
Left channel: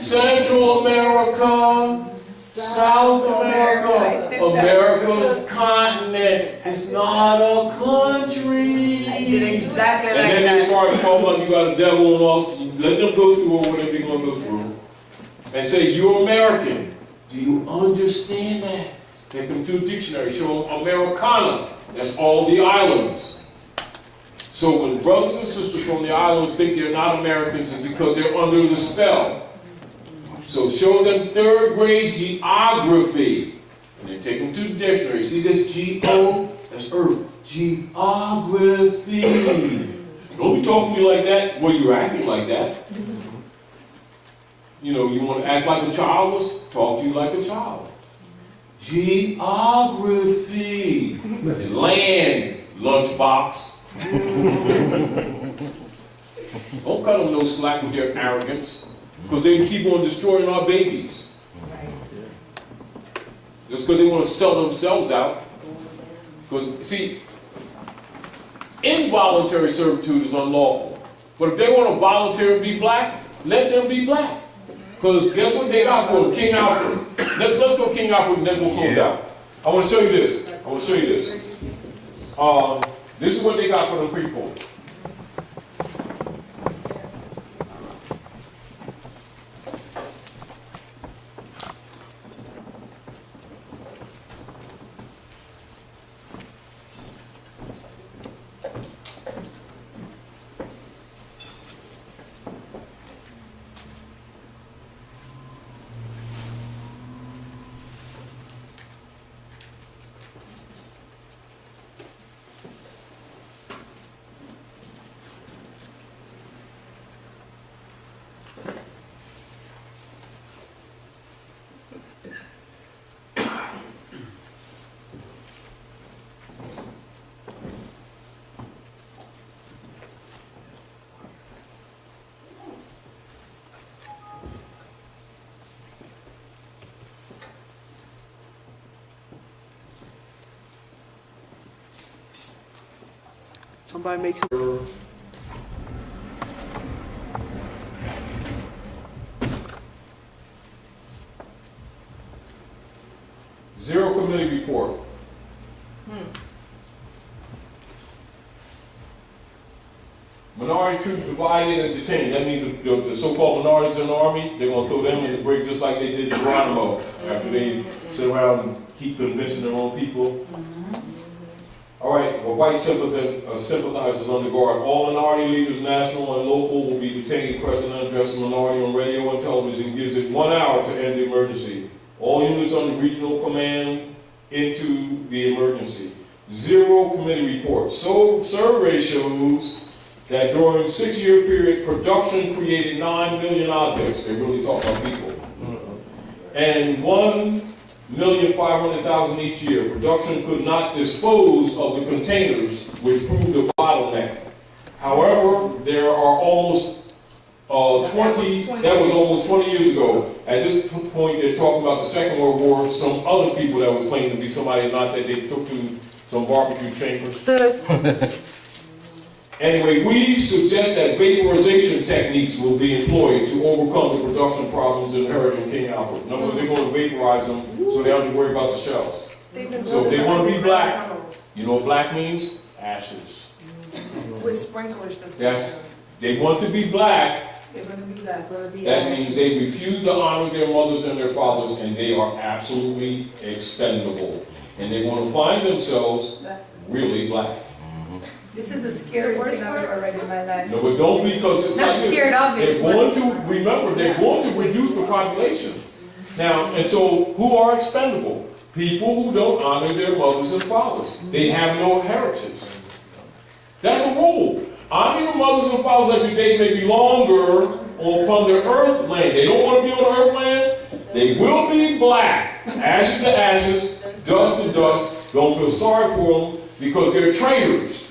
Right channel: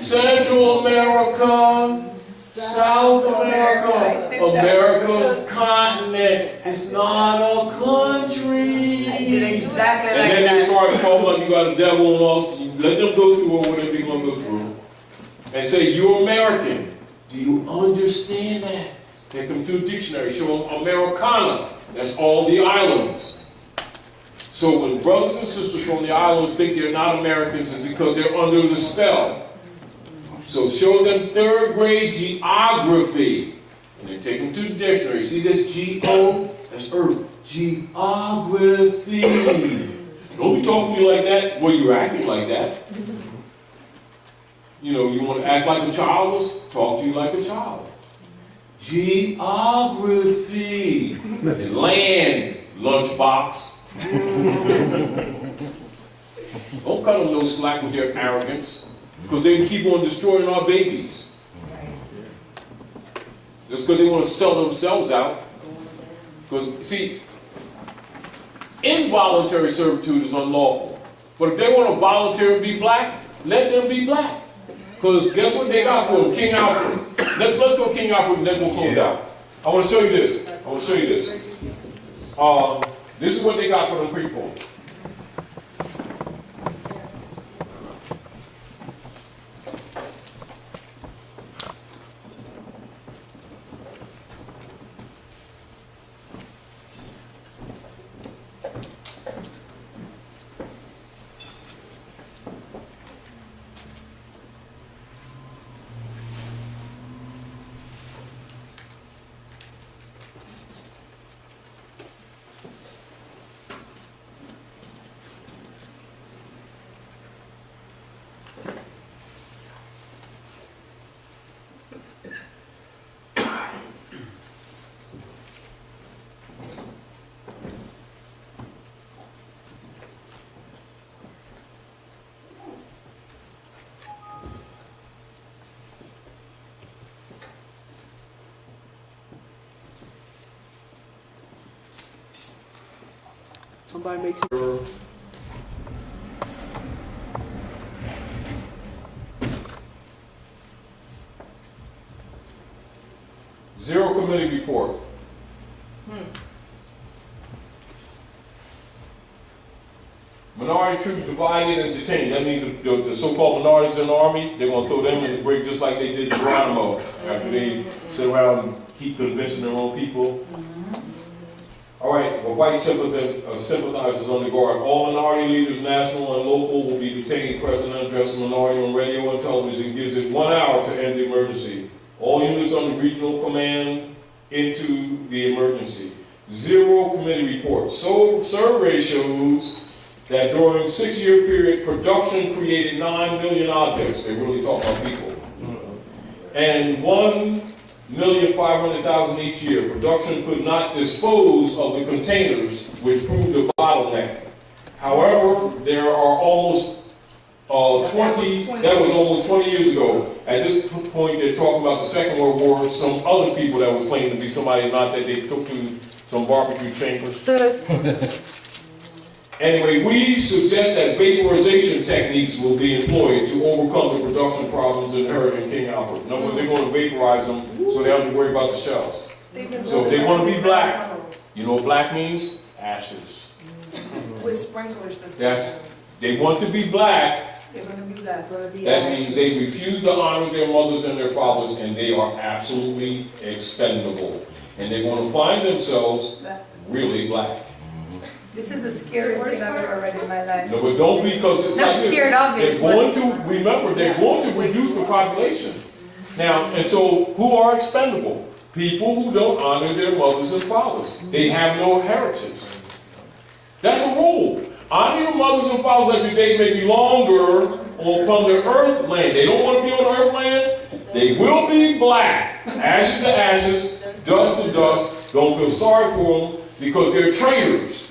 Central America, South America, America's continent. It's not a country. I did exactly And like then they that. start talking like you got a devil and all. So you let them go through whatever they're going to go through. And say, you're American. Do you understand that? Take them to a dictionary, show them Americana. That's all the islands. So when brothers and sisters from the islands think they're not Americans, it's because they're under the spell. So show them third grade geography. And then take them to the dictionary. See this G-O? That's Earth. Geography. Don't be talking to me like that. Well, you're acting like that. You know, you want to act like a child? Let's talk to you like a child. Geography. And land, lunchbox. Don't cut them no slack with their arrogance. Because they keep on destroying our babies. Just because they want to sell themselves out. Because, see, involuntary servitude is unlawful. But if they want to voluntarily be black, let them be black. Because guess what they got for them? King Alfred. Let's go King Alfred and then we'll close out. I want to show you this. This is what they got for them people. Somebody makes Zero committee report. Minority troops divided and detained. That means the so-called minorities in the army, they're going to throw them in the break just like they did Geronimo after they sit around and keep convincing their own people. All right, well, white sympathizers under guard. All minority leaders, national and local, will be detained. President addresses minority on radio and television, gives it 1 hour to end the emergency. All units under regional command into the emergency. Zero committee reports. So survey shows that during a 6-year period, production created 9 million objects. They really talk about people. And 1,500,000 each year. Production could not dispose of the containers, which proved a bottleneck. However, there are almost that was almost 20 years ago. At this point, they're talking about the Second World War, some other people that was claiming to be somebody, not that they took to some barbecue chambers. Anyway, we suggest that vaporization techniques will be employed to overcome the production problems inherent in King Albert. In other words, they're going to vaporize them so they don't have to worry about the shells. So if they want to be black, you know what black means? Ashes. With sprinkler systems. They want to be black. They're going to be black. That means they refuse to honor their mothers and their fathers, and they are absolutely expendable. And they're going to find themselves really black. This is the scariest thing I've ever read in my life. No, but don't, because it's Not like this. scared of it. They're going to, remember, they're going to reduce the population. Now, and so, who are expendable? People who don't honor their mothers and fathers. They have no heritage. That's a rule. Honor your mothers and fathers that your days may be longer upon the earth land. They don't want to be on the earth land. They will be black. Ashes to ashes, dust to dust. Don't feel sorry for them because they're traitors.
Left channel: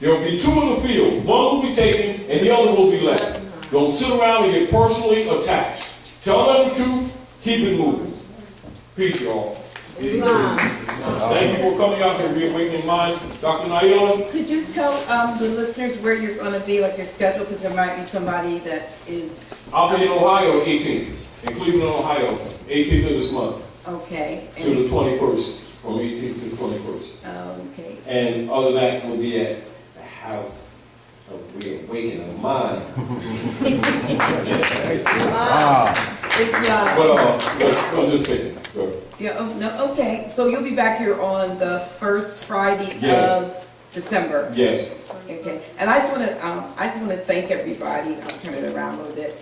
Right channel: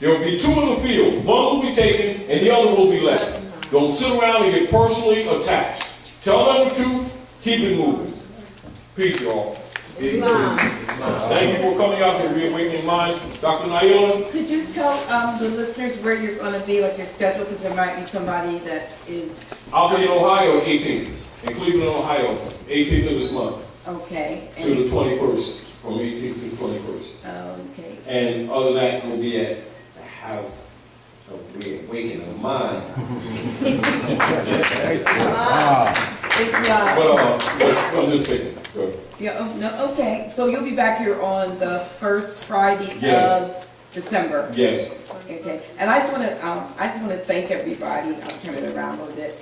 There will be two in the field. One will be taken and the other will be left. Don't sit around and get personally attached. Tell them the truth. Keep it moving. Peace, y'all. Thank you for coming out to Reawakening Minds. Dr. Naila? Could you tell the listeners where you're going to be, like your schedule, because there might be somebody that is... I'll be in Ohio 18th, in Cleveland, Ohio, 18th of this month. Okay. To the 21st, from 18th to the 21st. Okay. And other than that, we'll be at the House of Reawakening Minds. I'm just kidding. Go ahead. Yeah, oh, no, okay. So you'll be back here on the first Friday of December. Yes. Okay. And I just want to thank everybody. I'll turn it around a little bit.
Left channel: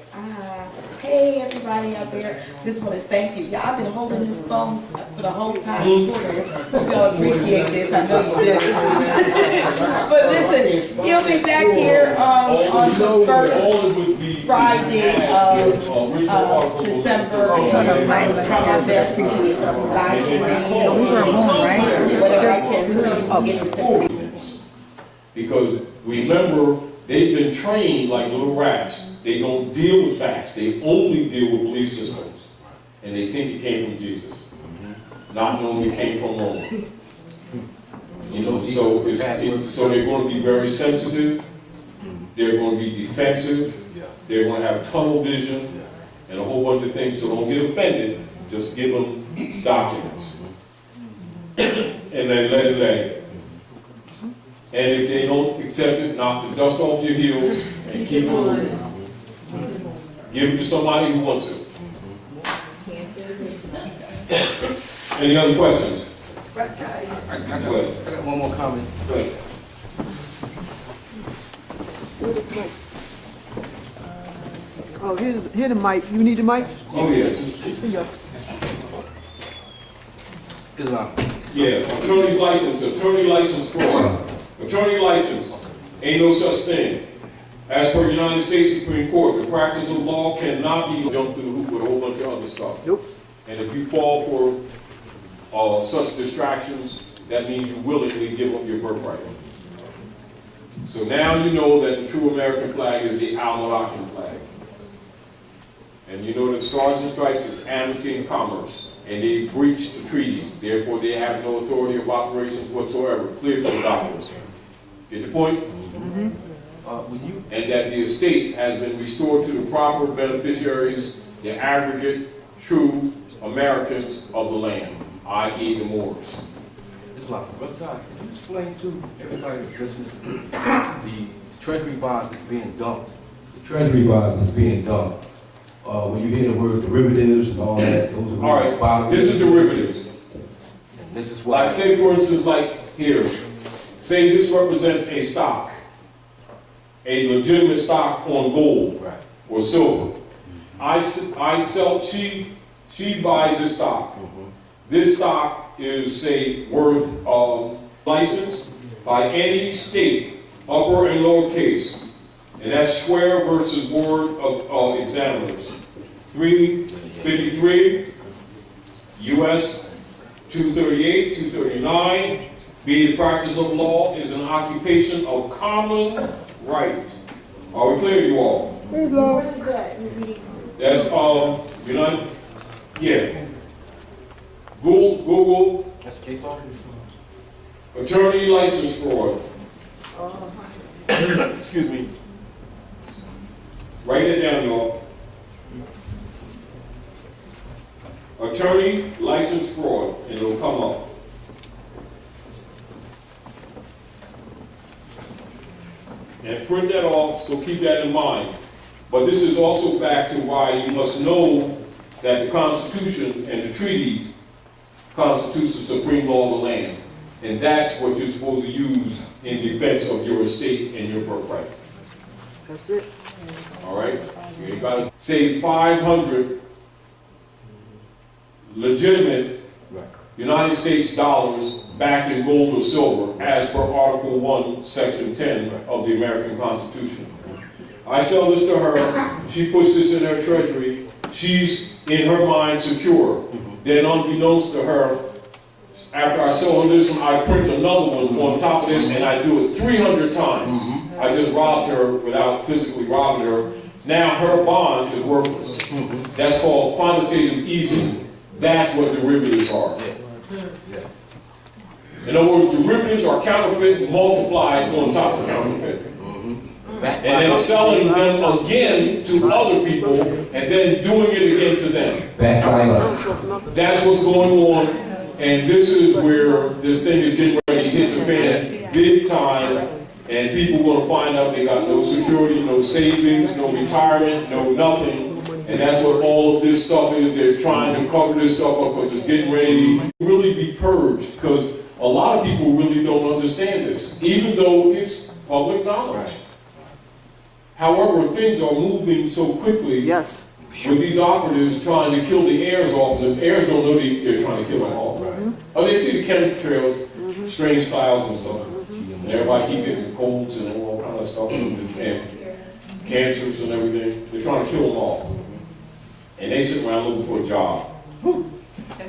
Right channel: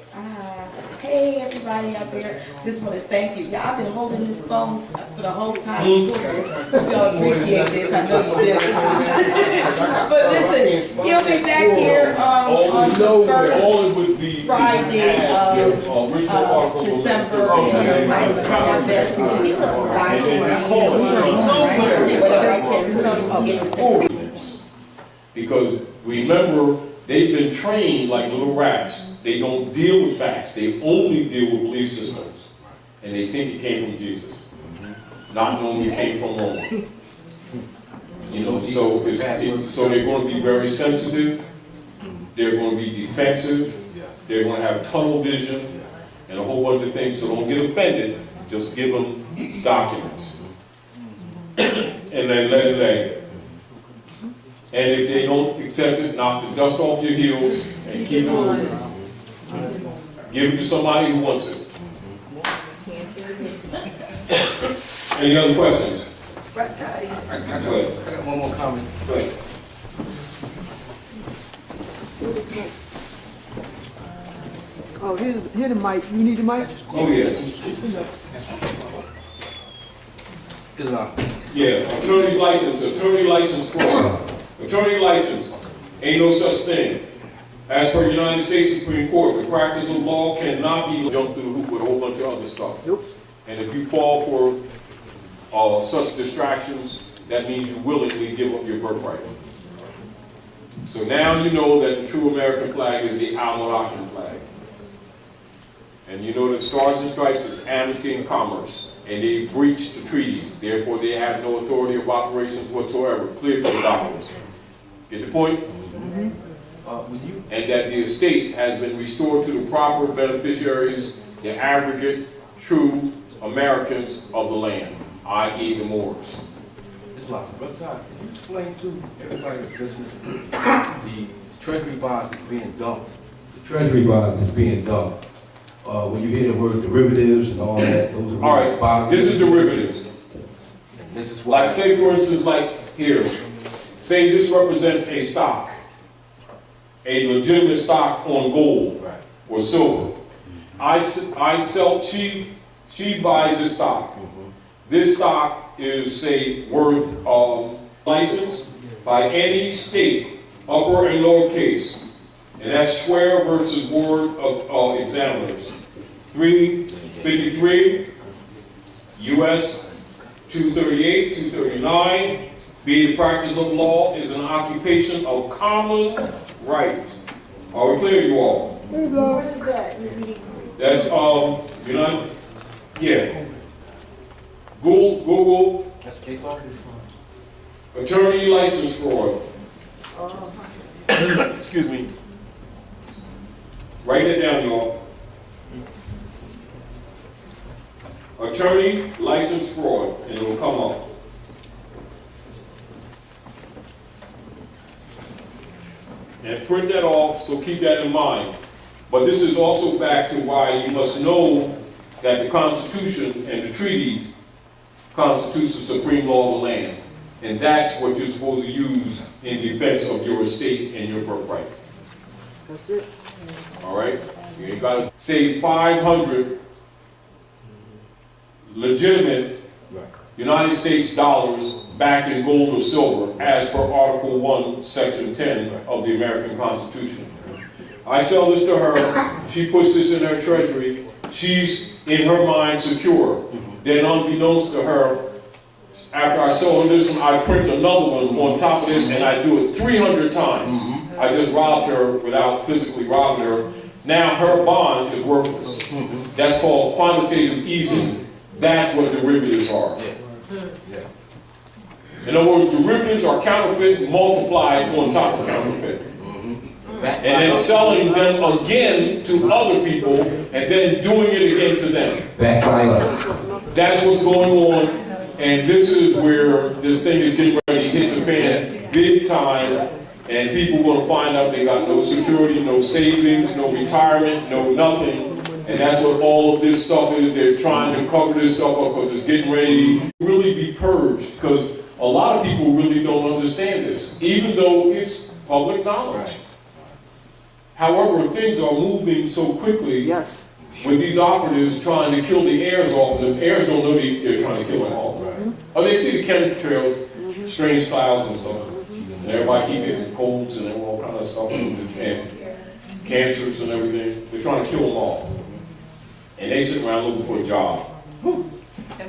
Hey, everybody out there. Just want to thank you. Yeah, I've been holding this phone for the whole time before this. Y'all appreciate this. I know you did. But listen, he'll be back here on the first Friday of December. Our best live stream. Because remember, they've been trained like little rats. They don't deal with facts. They only deal with belief systems. And they think it came from Jesus, not knowing it came from Rome. You know, so they're going to be very sensitive. They're going to be defensive. They're going to have tunnel vision and a whole bunch of things. So don't get offended. Just give them documents. And then let it lay. And if they don't accept it, knock the dust off your heels and keep moving. Give it to somebody who wants it. Any other questions? I got one more comment. Go ahead. Oh, here's the mic. You need the mic? Oh, yes. Yeah, attorney license fraud. Attorney license, ain't no such thing. As per United States Supreme Court, the practice of law cannot be jumped through the hoop with a whole bunch of other stuff. Nope. And if you fall for such distractions, that means you willingly give up your birthright. So now you know that the true American flag is the Almanacan flag. And you know that Stars and Stripes is amity and commerce. And they breached the treaty. Therefore, they have no authority of operations whatsoever. Clearfield documents. Get the point? Mm-hmm. And that the estate has been restored to the proper beneficiaries, the aggregate true Americans of the land, i.e. the Moors. Brother Todd, can you explain to everybody that's listening the treasury bonds that's being dumped? The treasury bonds that's being dumped. When you hear the word derivatives and all that, those are all right. This is derivatives. And this is why. Like, say for instance, like here, say this represents a stock, a legitimate stock on gold or silver. I sell. She buys this stock. This stock is, say, worth licensed by any state, upper and lower case. And that's Swear versus Board of Examiners. 353, U.S. 238, 239. B, the practice of law is an occupation of common right Are we clear, you all? Hello. What is that? That's, United, yeah. Google, That's case law? attorney license fraud. Excuse me. Write it down, y'all. Attorney license fraud, and it'll come up. And print that off, so keep that in mind. But this is also back to why you must know that the Constitution and the treaty constitutes the supreme law of the land. And that's what you're supposed to use in defense of your estate and your birthright. That's it. All right? You got to say 500 legitimate United States dollars backed in gold or silver as per Article 1, Section 10 of the American Constitution. I sell this to her. She puts this in her treasury. She's, in her mind, secure. Then unbeknownst to her, after I sell her this one, I print another one on top of this, and I do it 300 times. I just robbed her without physically robbing her. Now her bond is worthless. That's called quantitative easing. That's what derivatives are. In other words, derivatives are counterfeit multiplied on top of counterfeit. And then selling them again to other people, and then doing it again to them. That's what's going on, and this is where this thing is getting ready to hit the fan big time, and people are going to find out they got no security, no savings, no retirement, no nothing. And that's what all of this stuff is. They're trying to cover this stuff up because it's getting ready to really be purged, because a lot of people really don't understand this, even though it's public knowledge. However, things are moving so quickly. Yes. With these operatives trying to kill the heirs off of them. Heirs don't know they're trying to kill them all. Oh, they see the chemtrails, strange clouds and stuff. And everybody keep getting colds and all kind of stuff, and cancers and everything. They're trying to kill them all. And they sit around looking for a job.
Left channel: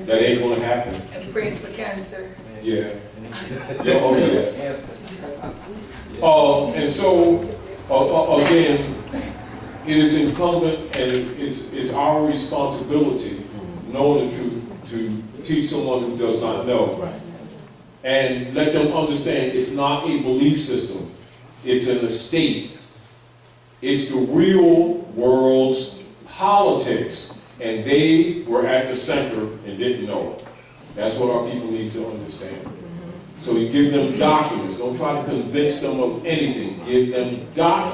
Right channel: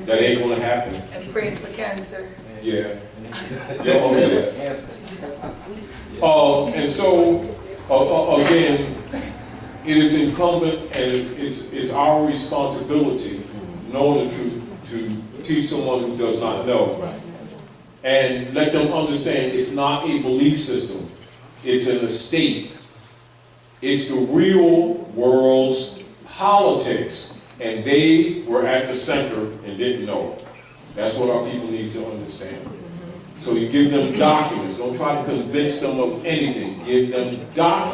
That ain't going to happen. And praying for cancer. Yeah. Yeah, oh, yes. And so, again, it is incumbent and it's our responsibility, knowing the truth, to teach someone who does not know. And let them understand it's not a belief system. It's an estate. It's the real world's politics. And they were at the center and didn't know it. That's what our people need to understand. So you give them documents. Don't try to convince them of anything. Give them documents.